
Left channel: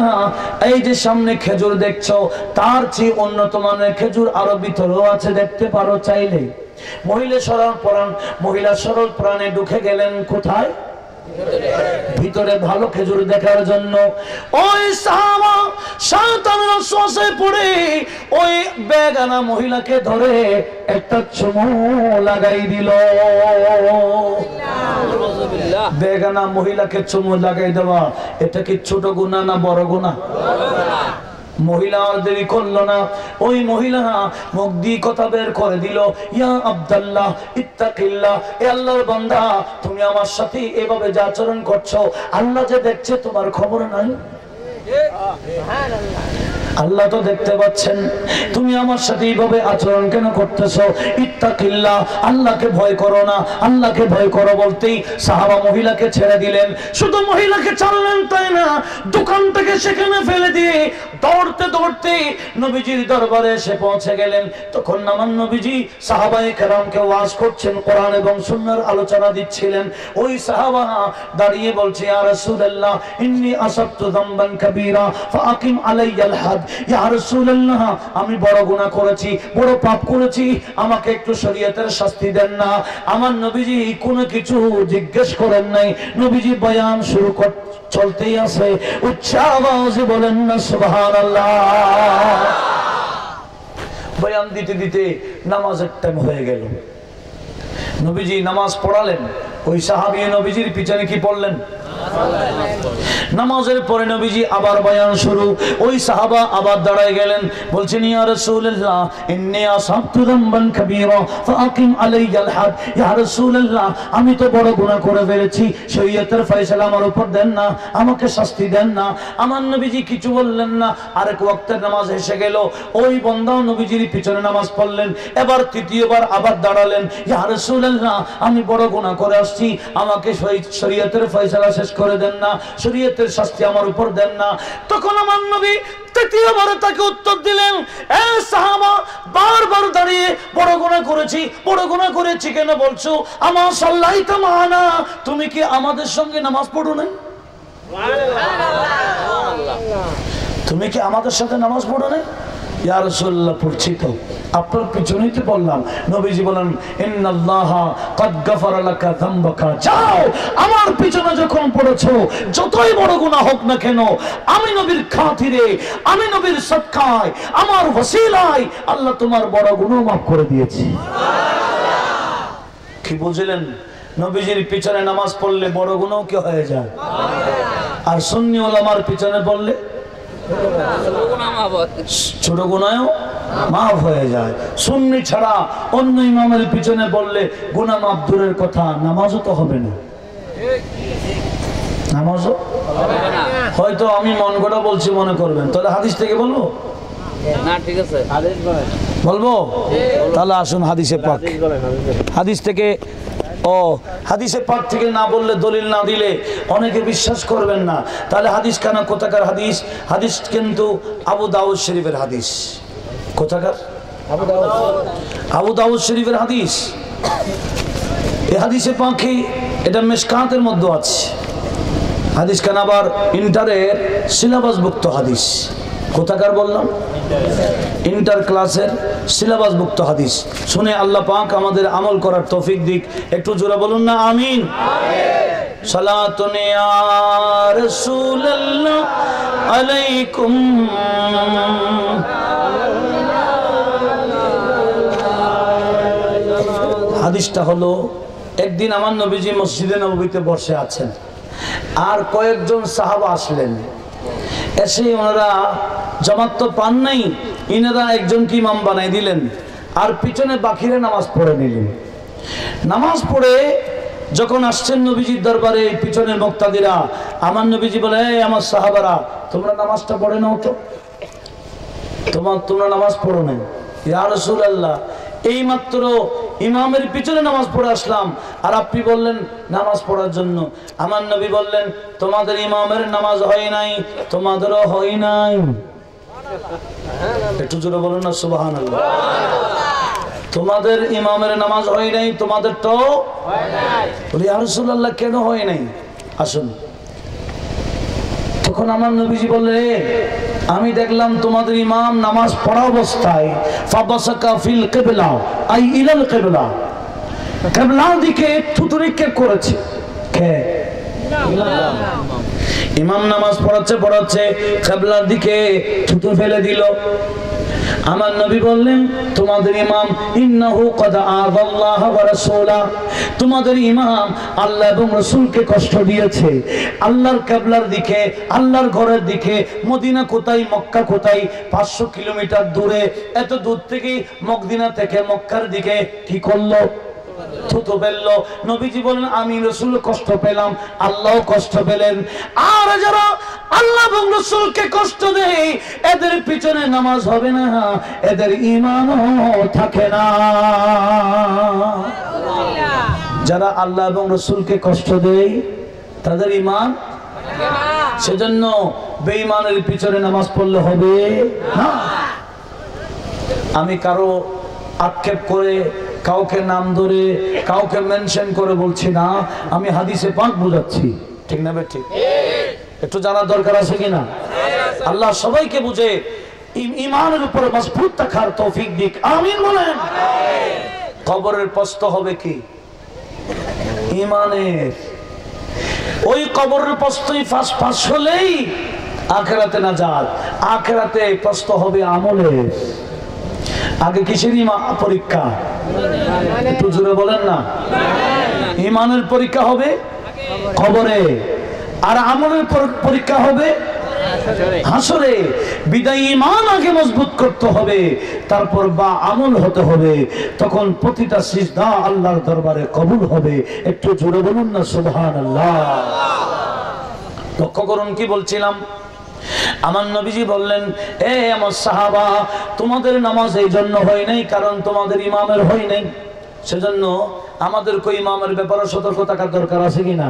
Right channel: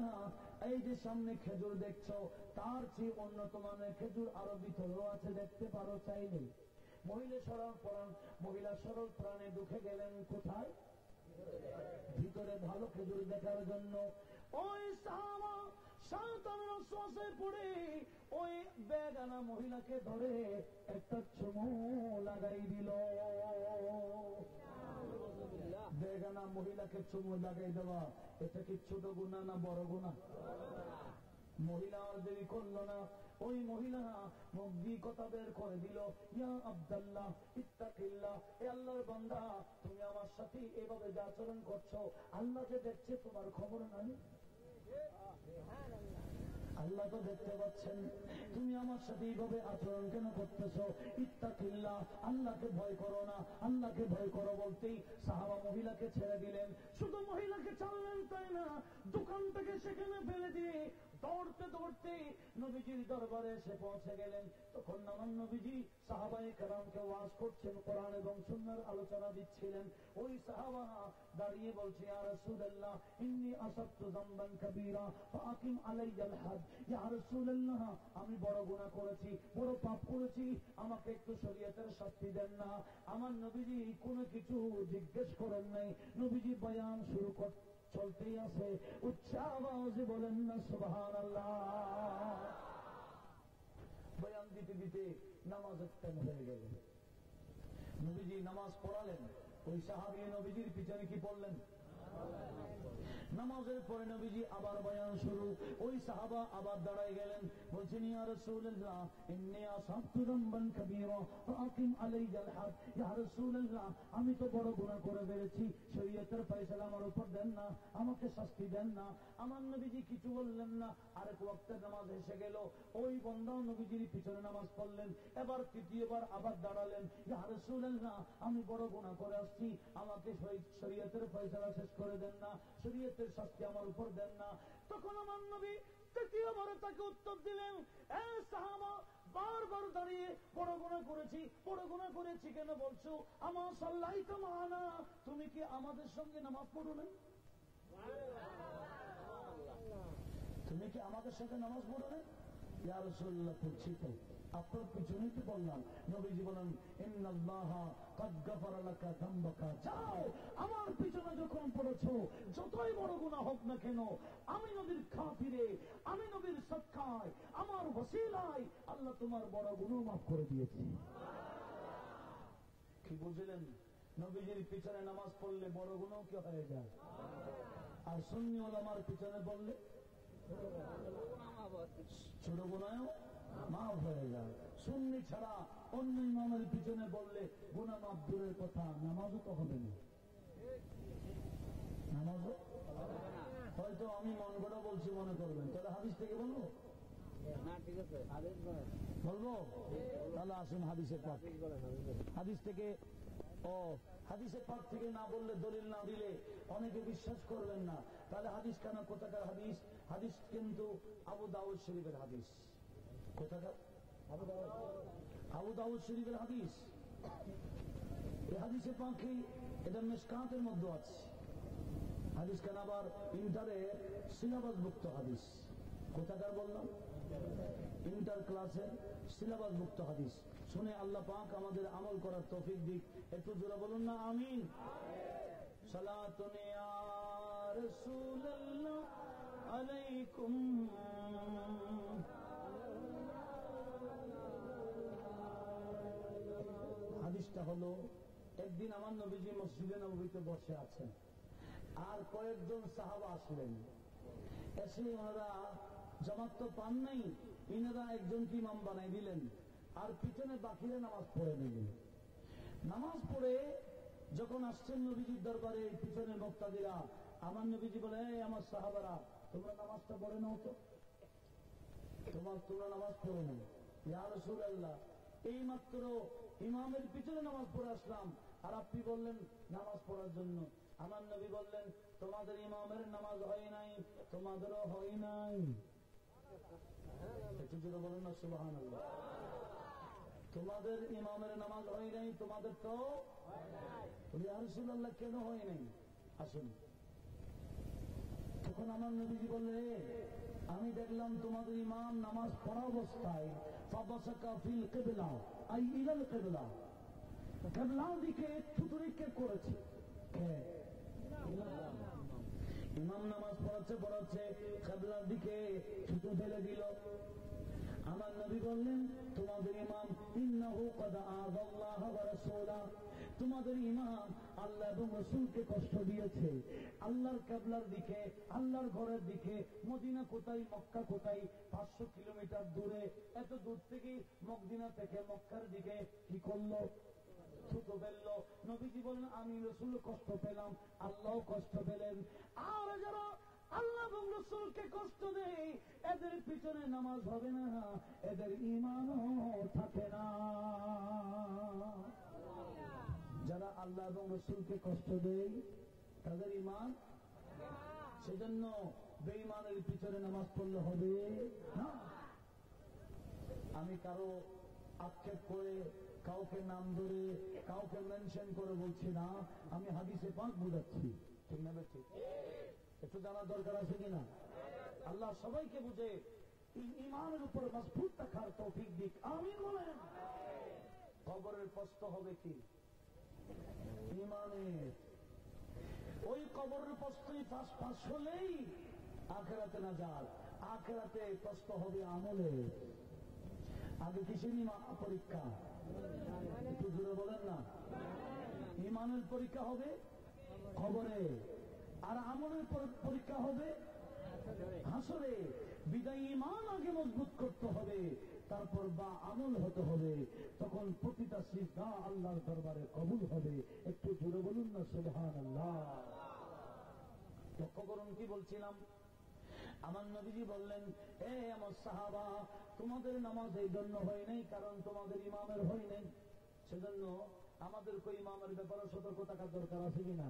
এই যে সামনে খেজুর দেখছো, তার চেয়ে উন্নত মানের খেজুর আরো ভিতরেও আছে, দেখতে পারো চাইলে। মহিলা সরল প্রাণে ঢুকে গেলেন কোথায়? ভিতরে ভালো খেজুর দেখার জন্য। ওই সাহাবা শয়তানের ওয়াসওয়াসায় পড়ে ওই বেগানা মহিলাকে ধরে একটা চুমু লাগাই দিল। বেগানা মহিলাকে চুমু লাগাই দেওয়া, এটা কি ছোট গুনাহ না বড় গুনাহ? মহিলা আর দেরি করলো না, ওই মহিলা মুখ দিয়ে কথা বের করে দিল, ইয়া আব্দুল্লাহ ইত্তাকিল্লাহ, এ আল্লাহর বান্দা, তুমি আমার সাথে এভাবে যে আচরণ করছো, আল্লাহ যে দেখছে তোমার খবর নাই? আল্লাহ তো দেখতে পাচ্ছেন, তুমি আমার সাথে এইভাবে আচরণ কেন করতেছো? ইত্তাকিল্লাহ, আল্লাহকে ভয় করো না, আল্লাহকে ভয় করো বলতেই সাহাবা মহিলাকে ছেড়ে দিলেন। শুধু মহিলাকে ছাড়লেন তাই না, দোকান থেকে সেখানে ফেলে দিয়ে দৌড়তে দৌড়তে নবীজির দরবারে এসে পৌঁছে গেলেন। তখন আমার নবীজি সাহাবায়ে কেরামকে ওয়াজ করছেন, কোরআন এবং সুন্নাহর আলোচনা দিচ্ছিলেন। ওই সাহাবা দাঁড়িয়ে বলছে, ইয়া রাসূলুল্লাহ ইন্নী আসাবতু যামবান কাবীরা ফাআকিম আলাইয়াল হাদ, ইয়া রাসূলুল্লাহ আমি বড় গুনাহ করেছি, বড় পাপ করেছি, আমাকে একটু শরীয়তের শাস্তি দেন না। আমার নবীজি কোনো কিছু জিজ্ঞেস করেন নাই, নবীজি বয়ান শুরু চলতেই আছে, উচ্চ আওয়াজে বলেন না সুবহানাল্লাহ। বয়ান দিতে দিতে নামাজের টাইম হয়ে গেল, নবীজি নামাজ পড়ালেন। ওই সাহাবী নবীজির পিছনে কি পড়লেন? নামাজের পরে নবীজি আবার বয়ান শুরু। ওই সাহাবা আবার দাঁড়ায় গেলেন, বলছেন, ইয়া রাসূলুল্লাহ ইন্নী আসাবতু যামবান কাবীরা ফাআকিম আলাইয়াল হাদ, ইয়া রাসূলুল্লাহ আমি তো বড় গুনাহ করে ফেলেছি, শরীয়তের ফয়সালা আমার উপর দেন না, আমাকে শাস্তি দেন না। আমার নবীজি কিছু বললেন না। আরেক ওয়াক্তের নামাজ এসে গেল, ওই বান্দা নবীজির পিছনে নামাজ পড়লেন। এবার তৃতীয়বার আবার দাঁড়ালেন, ইয়া রাসূলুল্লাহ আমি বড় গুনাহ করে আসছি, আমাকে শরীয়তের ফয়সালা শেষ করে দেন না, শরীয়তের শাস্তি আমার উপর দেন না। তখন আমার নবী তৃতীয়বার তাকে উত্তর দিলেন, এ সাহাবা বারবার দাঁড়িয়ে বড় গুনাহ করেছি, বড় গুনাহ করেছি কেন বলছো? আমা সাল্লাইতা মানা, তুমি কি আমাদের সঙ্গে নামাজ পড়ো নাই? তুমি কি আমাদের সাথে নামাজ পড়ো নাই? ইয়া রাসূলুল্লাহ পড়ছি তো। আপনার পিছনেই তো বললাম। নবীজি বলেন ইন্নাল্লাহা ক্বাদ গাফারা লাকা যামবাকা, যাও আমার পিছনে যখন পড়েছো যতই বড় গুনাহ হোক না কেন আমি নবীর খাতিরে, আমি নবীর সদকায়, আমার ওসিলায় আল্লাহ তোমার বড় গুনাহ মাফ করে দিয়েছি। কি বুঝলেন? নবীজির পিছনে নামাজ পড়লে বড় গুনাহ কি হয়ে যায়, আর সুন্নি উলামার পিছনে পড়লে ছোট গুনাহও মাফ হয়ে যায়। সুন্নি ছাড়া অন্য ইমামের পিছনে বললে গুনাহ মাফ দূরের কথা, নামাজও তো হবে না। নামাজও হয়তো আমি মন গড়া বলছি মনে করবেন, তাহলে হাদিস থেকে বলবো না? ঠিক আছে, বলবো তাহলে আসুন হাদিসে পাক। হাদিস থেকে হাদিসে পাক থেকে না বললে, দলিল না দিলে অনেকে বিশ্বাস করবেন না। তাহলে হাদিস কেন? কোথাকার হাদিস? হাদিস কিন্তু আবু দাউদ শরীফের হাদিস। কোথাকার? আবু দাউদ শরীফের হাদিস। এই হাদিসে পাখি এটা মিশকাতের মধ্যে আছে। হাদিস কেন আবার ইন্টারের সিলেবাসভুক্ত হাদিস। কোথাকার বললাম? ইন্টার ক্লাসের সিলেবাসভুক্ত হাদিস। শুনে আল্লাহ পাক আমাদের আমল করার তৌফিক দিক। একটু জোরে বলুন না আমিন। সালাতুন ইয়া রাসূলুল্লাহ আলাইকুম। হাদিসটা হলো, একদিন আমার নবীজি মসজিদে নববীতে বসে আছেন, আর কয়েকজন সাহাবা আসলেন। এসে ওনারা জামাত তো পান নাই, ইনারা একজনকে ইমাম বানাই দিলেন, আর পিছনে বাকিরা নামাজ পড়ে নিলেন। নামাজ পড়ে যখন আসছেন নবীজির দরবারে, পিছনের মুক্তাদিরা, আমার নবীজি বলে, এই আমার সাহাবারা, তোমরা নামাজটা পড়ে নাও তো, তোমরা নামাজ পড়ো নাই। ইয়া রাসূলুল্লাহ, এই মাত্র ইমামের পিছনে নামাজ পড়ে আসলাম, আর আপনি বললেন নামাজ পড়ার জন্য। আমার নবী বললেন, তোমাদের ইমামের নামাজ হয় নাই, তোমাদেরও হয় নাই। একটু জোরে বলুন না সুবহানাল্লাহ। তোমাদের ইমামের নামাজ হয় নাই, তোমাদের তো হয় নাই। বলি ইয়া রাসূলুল্লাহ, কেন হয় নাই? আসুন। তখন আমার নবীজি বললেন, আমি দেখলাম তোমাদের ইমাম নামাজ পড়া অবস্থায় ফাবাসাকা ফিল কিবলা আই ইলাল কিবলা, কিবলার দিকে থুতু নিক্ষেপ করেছে। কে? ইমাম নামাজ পড়াচ্ছে কিবলার দিকে থুতু ফেলে দিল। আমার নবী বললেন, তোমাদের ইমাম ইন্নাহু ক্বাদ আযাল্লাহ ওয়া রাসূলা, তোমাদের ইমাম আল্লাহ এবং রাসূলকে কষ্ট দিয়েছে। আল্লাহর কিবলার দিকে, আল্লাহর ঘরের দিকে। মদিনা কোথায়, মক্কা কোথায়? 500 কিলোমিটার দূরে। এত দূর থেকে, মদিনা থেকে মক্কার দিকে কি করলো? থুতু ফেললো। নবীজি বলেন, আমি রাসূল কষ্ট পেলাম, আল্লাহও কষ্ট পেলেন। আর যারা আল্লাহ এবং রাসূলকে কষ্ট দেয়, এদের পিছনে নামাজ হবে না, এদের ঈমানও থাকে না। যারা আল্লাহ এবং রাসূলকে কষ্ট দেয়, তাদের ঈমান। সেজন্য বেঈমানের পিছনে নামাজ পড়লে হবে না। আমি কারো আক্ষেপ করে, কাউকে নাম ধরে, কাউকে মেনশন করে বলছি না, আমি হাদিসে পাক বুঝাচ্ছি। ঠিক না বে? ঠিক। একটু জানার দরকার আছে কিনা? আল্লাহ সবাইকে বুঝে ঈমানের উপর মজবুত থাকার তৌফিক দিক। আমিন বলেন। কবরের প্রশ্ন হবে কি? ঈমানের। ওই কবরের প্রশ্নই ফাঁস হলেই আখিরাতে নাজাত। আখিরাতে প্রশ্ন হবে আমলের। আগে কিসের পরীক্ষা? একটু জোরে বলেন না। ঈমানের পরীক্ষা হবে কবরে, আর আমলের পরীক্ষা হবে হাসরে। বিদায় ঈমান আগে মজবুত করতে হবে, তারপর বা আমল হতে হবে। তখন প্রতিটা সিজদা আল্লাহর দরবারে কবুল হবে। একটু জোরে বলুন না সুবহানাল্লাহ। লক্ষ্য করুন কি বলছিলাম। আমার নবীজি বললেন, এ আমার সাহাবা, তোমাদের নামাজ এই জন্য হয় নাই কারণ তোমাদের ইমামের হয় নাই। সেজন্য আমাদের কই ইমামের ব্যাপারে সতর্ক থাকার দরকার আছে কিনা?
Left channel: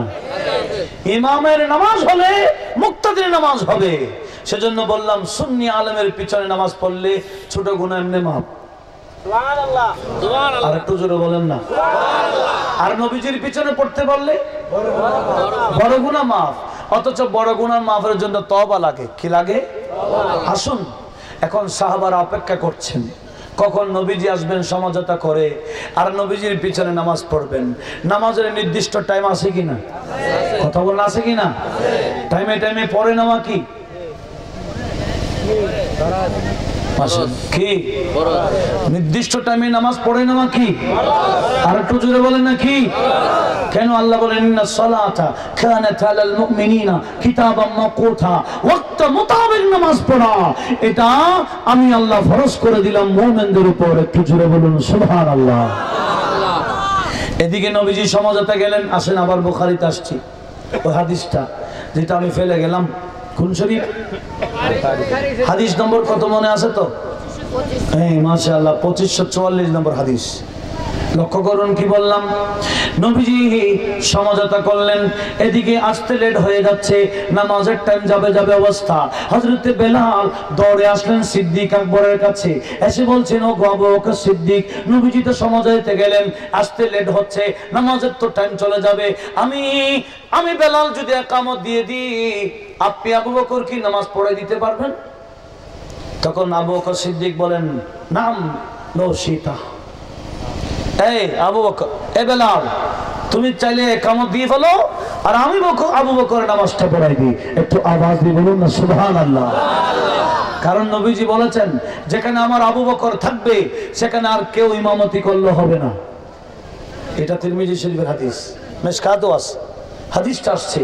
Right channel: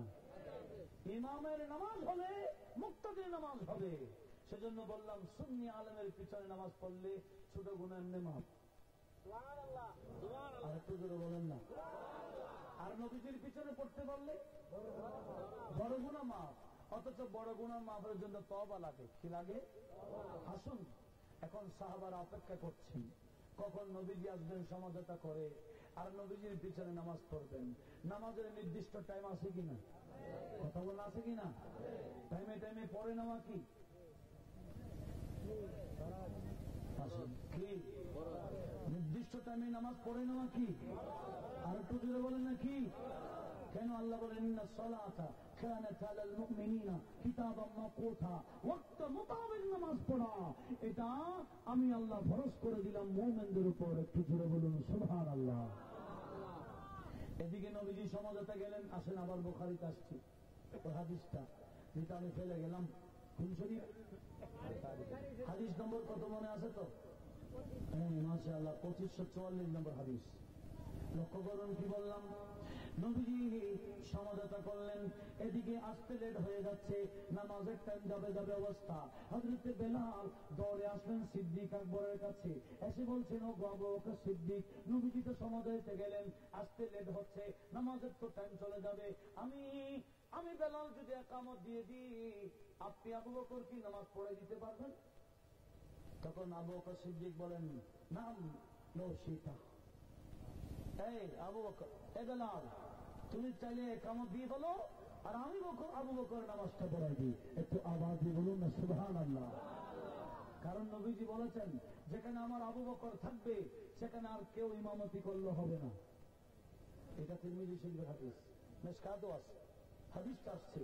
ইমামের নামাজ হলে মুক্তাদির নামাজ হবে। সেজন্য বললাম, সুন্নি আলেমের পিছনে নামাজ পড়লে ছোট গুনাহ এমনি মাফ। সুবহানাল্লাহ, সুবহানাল্লাহ। আর একটু জোরে বলেন না সুবহানাল্লাহ। আর নবীজির পিছনে পড়তে পারলে বড় গুনাহ মাফ। অথচ বড় গুনাহ মাফের জন্য তওবা লাগে। কি লাগে? আসুন, এখন সাহাবারা অপেক্ষা করছেন, কখন নবীজি আসবেন সমঝোতা করে আর নবীজির পিছনে নামাজ পড়বেন। নামাজের নির্দিষ্ট টাইম আছে কিনা? কথা বলেন, আছে কিনা? টাইমে টাইমে পড়ে নেওয়া কি কি নির্দিষ্ট টাইমে নামাজ পড়ে নেওয়া কি? আর একটু জোরে বলেন না কি? কেন আল্লাহ বলেন ইন্নাস সালাতা কানাত আলাল মুমিনিনা কিতাবাম মাওকুতা, ওয়াক্ত মোতাবেক নামাজ পড়া এটা আমি আল্লাহ ফরজ করে দিলাম মুমিনদের উপর। একটু জোরে বলুন সুবহানাল্লাহ। এদিকে নবীজি সমঝোতা গেলেন। আসেন আবার বুখারীতে আসছি ওই হাদিসটা যেটা আমি ফেলে গেলাম। কোন শরীফ? হাদিস নম্বর কত মনে আছে তো? হ্যাঁ মাশাআল্লাহ 2544 নম্বর হাদিস। লক্ষ্য করুন কি বললাম। নবীজি সমঝোতা করলেন, এদিকে আসতে লেট হয়ে যাচ্ছে, নামাজের টাইম যাবে যাবে অবস্থা। হযরতে বেলাল দৌড়ে আসলেন সিদ্দিক আকবরের কাছে, এসে বলছেন ও আবু বকর সিদ্দিক, নবীজি তো সমঝোতাতে গেলেন, আসতে লেট হচ্ছে, নামাজের তো টাইম চলে যাবে, আমি বেলাল যদি ইকামত দিয়ে দিই আপনি আবু বকর কি নামাজ পড়ে দিতে পারবেন? তখন আবু বকর সিদ্দিক বলেন নাম লো সীতা। এই আবু বকর, এ বেলাল, তুমি চাইলে ইকামত দিয়ে ফেলো আর আমি আবু বকর নামাজটা পড়াই দিই। একটু আওয়াজ দিয়ে বলুন না সুবহানাল্লাহ। কারণ নবীজি বলেছেন যেখানে আমার আবু বকর থাকবে সেখানে আর কেউ ইমামতি করলে হবে না। এটা তিরমিজি শরীফের হাদিস, মিশকাতও আছে হাদিসটা আসছে।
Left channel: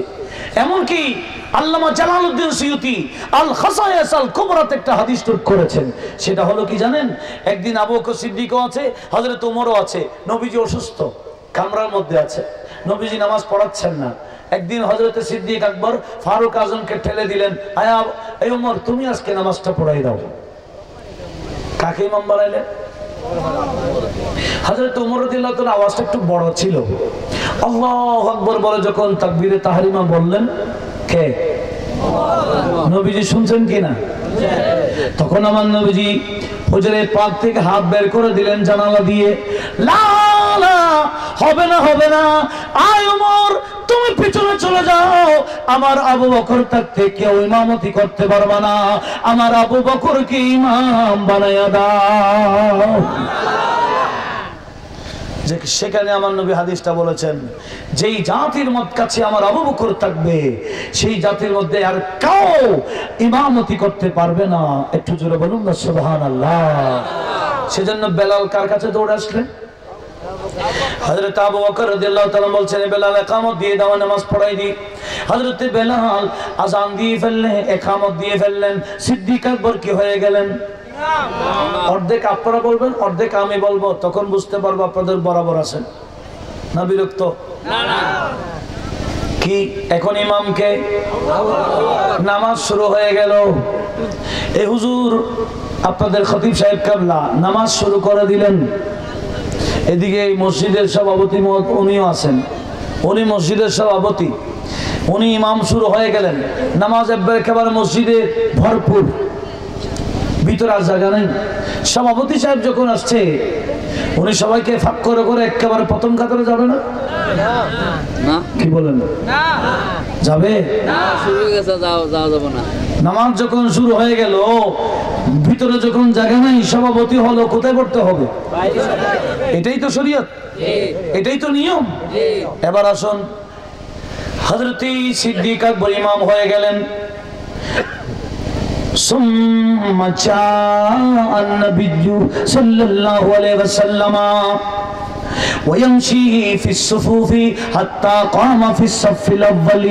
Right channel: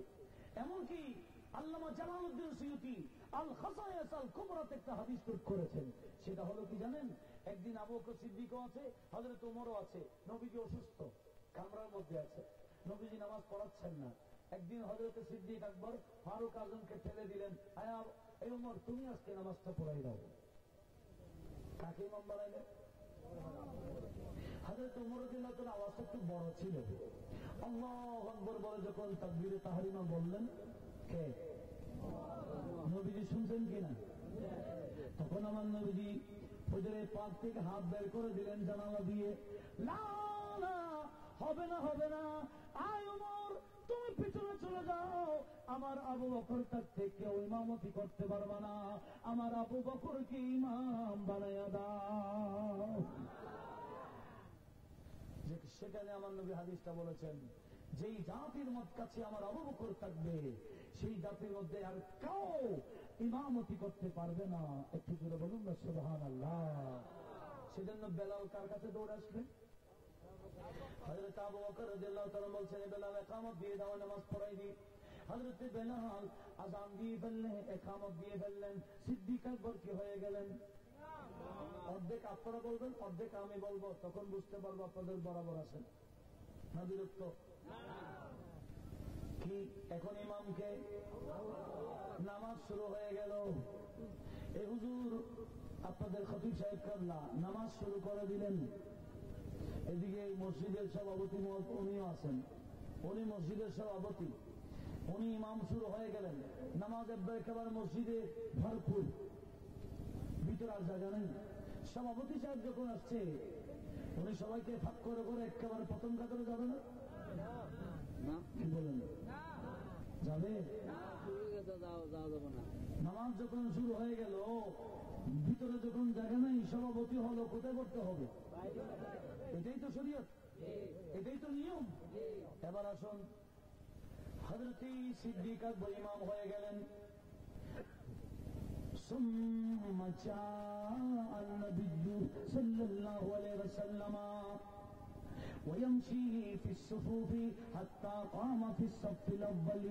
এমনকি আল্লামা জালালউদ্দিন সুয়ুতি আল খাসায়েস আল কুবরাতে একটা হাদিস টুক করেছেন। সেটা হলো কি জানেন? একদিন আবু বকর সিদ্দিকও আছে, হযরত ওমরও আছে, নবীজি অসুস্থ, কামরার মধ্যে আছে, নবীজি নামাজ পড়াচ্ছেন না। একদিন হযরতে সিদ্দিক আকবর ফারুক আজমকে ঠেলে দিলেন, আয়া এই ওমর তুমি আজকে নামাজটা পড়াই দাও। কাকে ইমাম বানাইলেন? হযরত ওমর রাদিয়াল্লাহু তাআলা আওয়াজটা একটু বড় ছিল। আল্লাহু আকবার বলে যখন তাকবীরে তাহরিমা বললেন, কে? নবীজি শুনছেন কিনা? তখন আমার নবীজি হুজুরে পাক থেকে হাত বের করে দিলেন জানালা দিয়ে, লা লা, হবে না হবে না, আয় ওমর তুমি পিছনে চলে যাও, আমার আবু বকর থাকতে কেউ ইমামতি করতে পারবে না, আমার আবু বকরকে ইমাম বানায়া দাও। সেখানে আমার নবী হাদিসটা বলেছেন, যেই জাতির কাছে আমার আবু বকর থাকবে সেই জাতির মধ্যে আর কেউ ইমামতি করতে পারবে না। একটু জোরে বলুন না সুবহানাল্লাহ। সেজন্য বেলাল কার কাছে দৌড়ে আসলেন? হযরত আবু বকর রাদিয়াল্লাহু তাআলা বলছেন বেলাল ইকামত দিয়ে দাও, নামাজ পড়াই দি। হযরত বেলাল আযান দিয়ে ফেললেন, ইকামত দিয়ে ফেললেন। সিদ্দিক আকবর কি হয়ে গেলেন? অর্ধেক আপনারা বলবেন, অর্ধেক আমি বলবো, তখন বুঝতে পারবো আপনাদের বরাবর আছেন না বিরক্ত? কি এখন ইমামকে নামাজ শুরু হয়ে গেল। এই হুজুর আপনাদের খতিব সাহেব কাবলা নামাজ শুরু করে দিলেন। এদিকে এই মসজিদের সভাপতি উনিও আছেন, উনি মসজিদের সভাপতি, উনি ইমাম শুরু হয়ে গেলেন। নামাজ একেবারে মসজিদে ভরপুর, ভিতরে আর জায়গা নেই। সভাপতি সাহেব যখন আসছে উনি সবাইকে ফাঁক করে করে একেবারে প্রথম কাতারে যাবে না? কি বলেন? যাবে? নামাজ যখন শুরু হয়ে গেল, ভিতরে যখন জায়গা নাই, সভাপতি হলো কোথায় পড়তে হবে? এটাই তো শরীয়ত, এটাই তো নিয়ম। এবার আসুন, হযরত সিদ্দিক আকবর ইমাম হয়ে গেলেন। ثم جاء النبي صلى الله عليه وسلم ويمشي في الصفوف حتى قام في الصف الأول।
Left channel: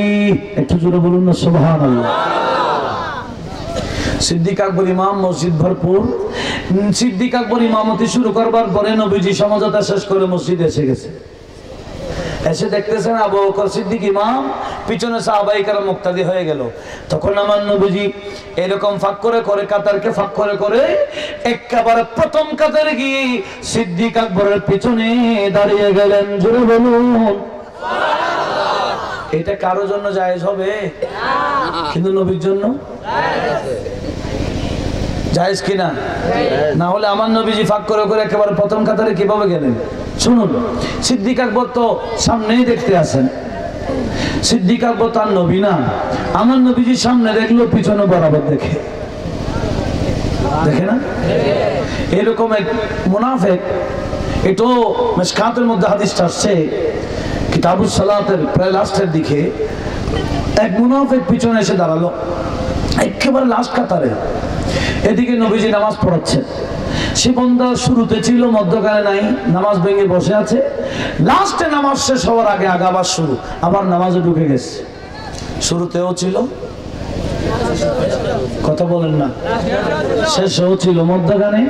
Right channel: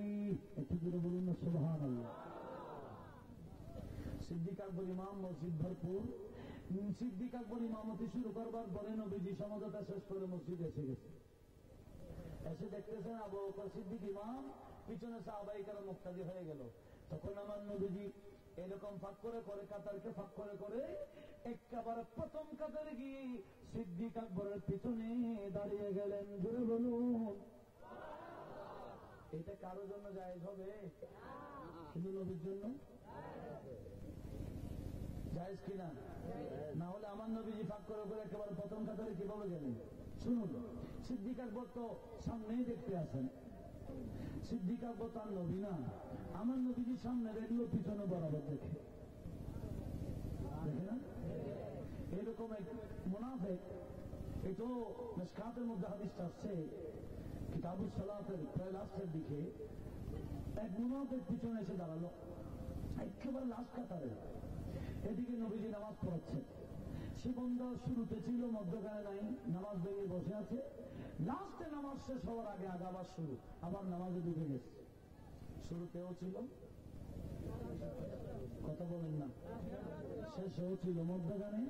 একটু জোরে বলুন না সুবহানাল্লাহ। সিদ্দিক আকবর ইমাম, মসজিদ ভরপুর। সিদ্দিক আকবর ইমামতি শুরু করবার পরে নবীজি সমঝোতা শেষ করে মসজিদে এসে গেছে। এসে দেখতেছেন আবু বকর সিদ্দিক ইমাম, পিছনে সাহাবায়ে কেরাম মুক্তাদি হয়ে গেল। তখন আমার নবীজি এরকম ফাঁক করে করে কাতারকে ফাঁক করে করে একেবারে প্রথম কাতারে গিয়ে সিদ্দিক আকবরের পিছনে দাঁড়িয়ে গেলেন। জোরে বলুন সুবহানাল্লাহ। এটা কারো জন্য জায়েজ হবে? কিন্তু নবীর জন্য জায়েজ কিনা? না হলে আমার নবীজি ফাঁক করে করে একেবারে প্রথম কাতারে কিভাবে গেলেন? শুনুন, সিদ্দিক আকবর তো সামনেই দেখতে আছেন। সিদ্দিক আকবর তার নবী না, আমার নবীজি সামনে দেখলো পিছনে বরাবর দেখে, দেখে না? এরকম এক মুনাফিক, এটাও মিশকাতের মধ্যে হাদিসটা আসছে কিতাবুস সালাতের প্রায় লাস্টের দিকে, এক মুনাফিক পিছনে এসে দাঁড়ালো একেবারে লাস্ট কাতারে, এদিকে নবীজি নামাজ পড়াচ্ছেন। সে বান্দা শুরুতে ছিল, মধ্যখানে নাই, নামাজ ভেঙে বসে আছে, লাস্টে নামাজ শেষ হওয়ার আগে আবার শুরু, আবার নামাজে ঢুকে গেছে। শুরুতেও ছিল, কথা বলেন না, শেষেও ছিল, মধ্যখানে।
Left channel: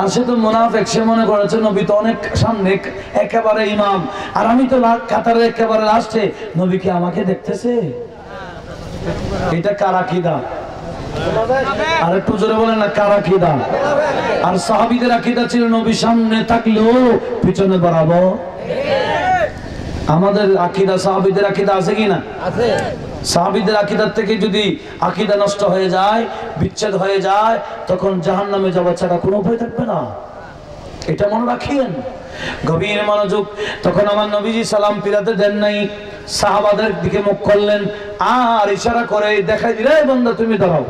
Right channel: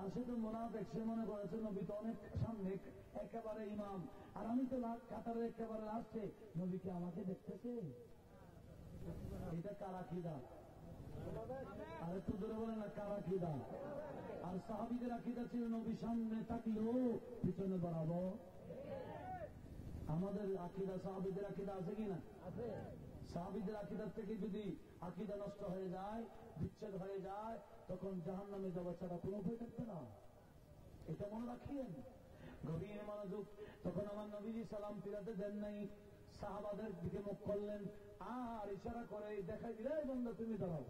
আর সে তো মুনাফিক, সে মনে করেছে নবী তো অনেক সামনে একেবারে ইমাম, আর আমি তো কাতারে একেবারে লাস্টে, নবী কি আমাকে দেখতেছে? এটা কার আকীদা? আর একটু জোরে বলেন না, কার আকীদা? আর সাহাবীদের আকীদা ছিল নবী সামনে থাকলেও পিছনে বাড়াবো। আমাদের আকীদা সাহাবীদের আকীদা আছে কি না? আছে। সাহাবীদের আকীদার থেকে যদি আকীদা নষ্ট হয়ে যায়, বিচ্ছেদ হয়ে যায়, তখন জাহান্নামে যাওয়া ছাড়া কোনো উপায় থাকবে না, এটা মনে রাখিয়েন। গভীর মনোযোগ। তখন আমার নবীজি সালাম ফিরাতে দেন নাই, সাহাবাদের দিকে মুখ করলেন আর ইশারা করে দেখাই দিলে, বান্দা তুমি দাঁড়াও।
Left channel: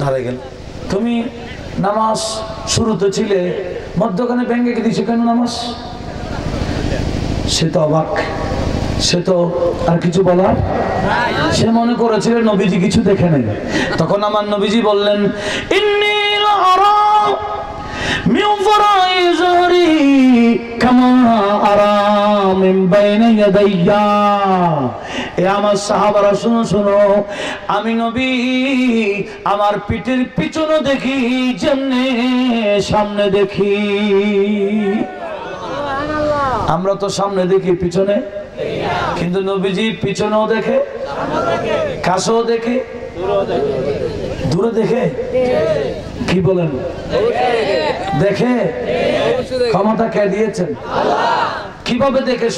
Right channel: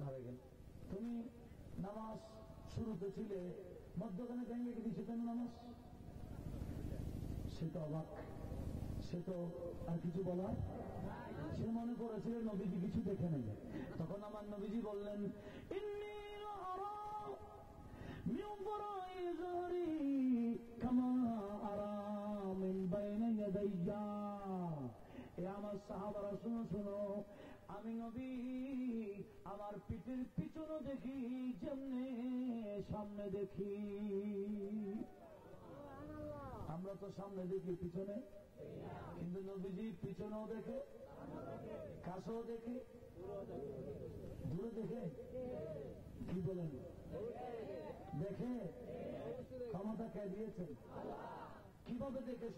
দাঁড়াই গেল। তুমি নামাজ শুরুতে ছিলে, মধ্যখানে ভেঙে দিয়েছে কেন নামাজ? সে তো অবাক, সে তো আর কিছু বলার, সে মনে করেছিল নবীজি কিছু দেখে নেই। তখন আমার নবীজি বললেন, ইন্নী লাআরা মিন ওয়ারাই যহরি কামা আরা মিন বাইনা ইয়াদাইয়া। এ আমার সাহাবারা শুনো শুনো, আমি নবী আমার পিঠের পিছনে দেখি যেমনে সামনে দেখি। আমরা তো সামনে দেখি, পিছনে, কিন্তু নবীজি পিছনেও দেখে, কাছেও দেখে, দূরে দেখে। কি বলেন? দেখে। ক্ষমতা কে দিয়েছেন? কিভাবে দেখে?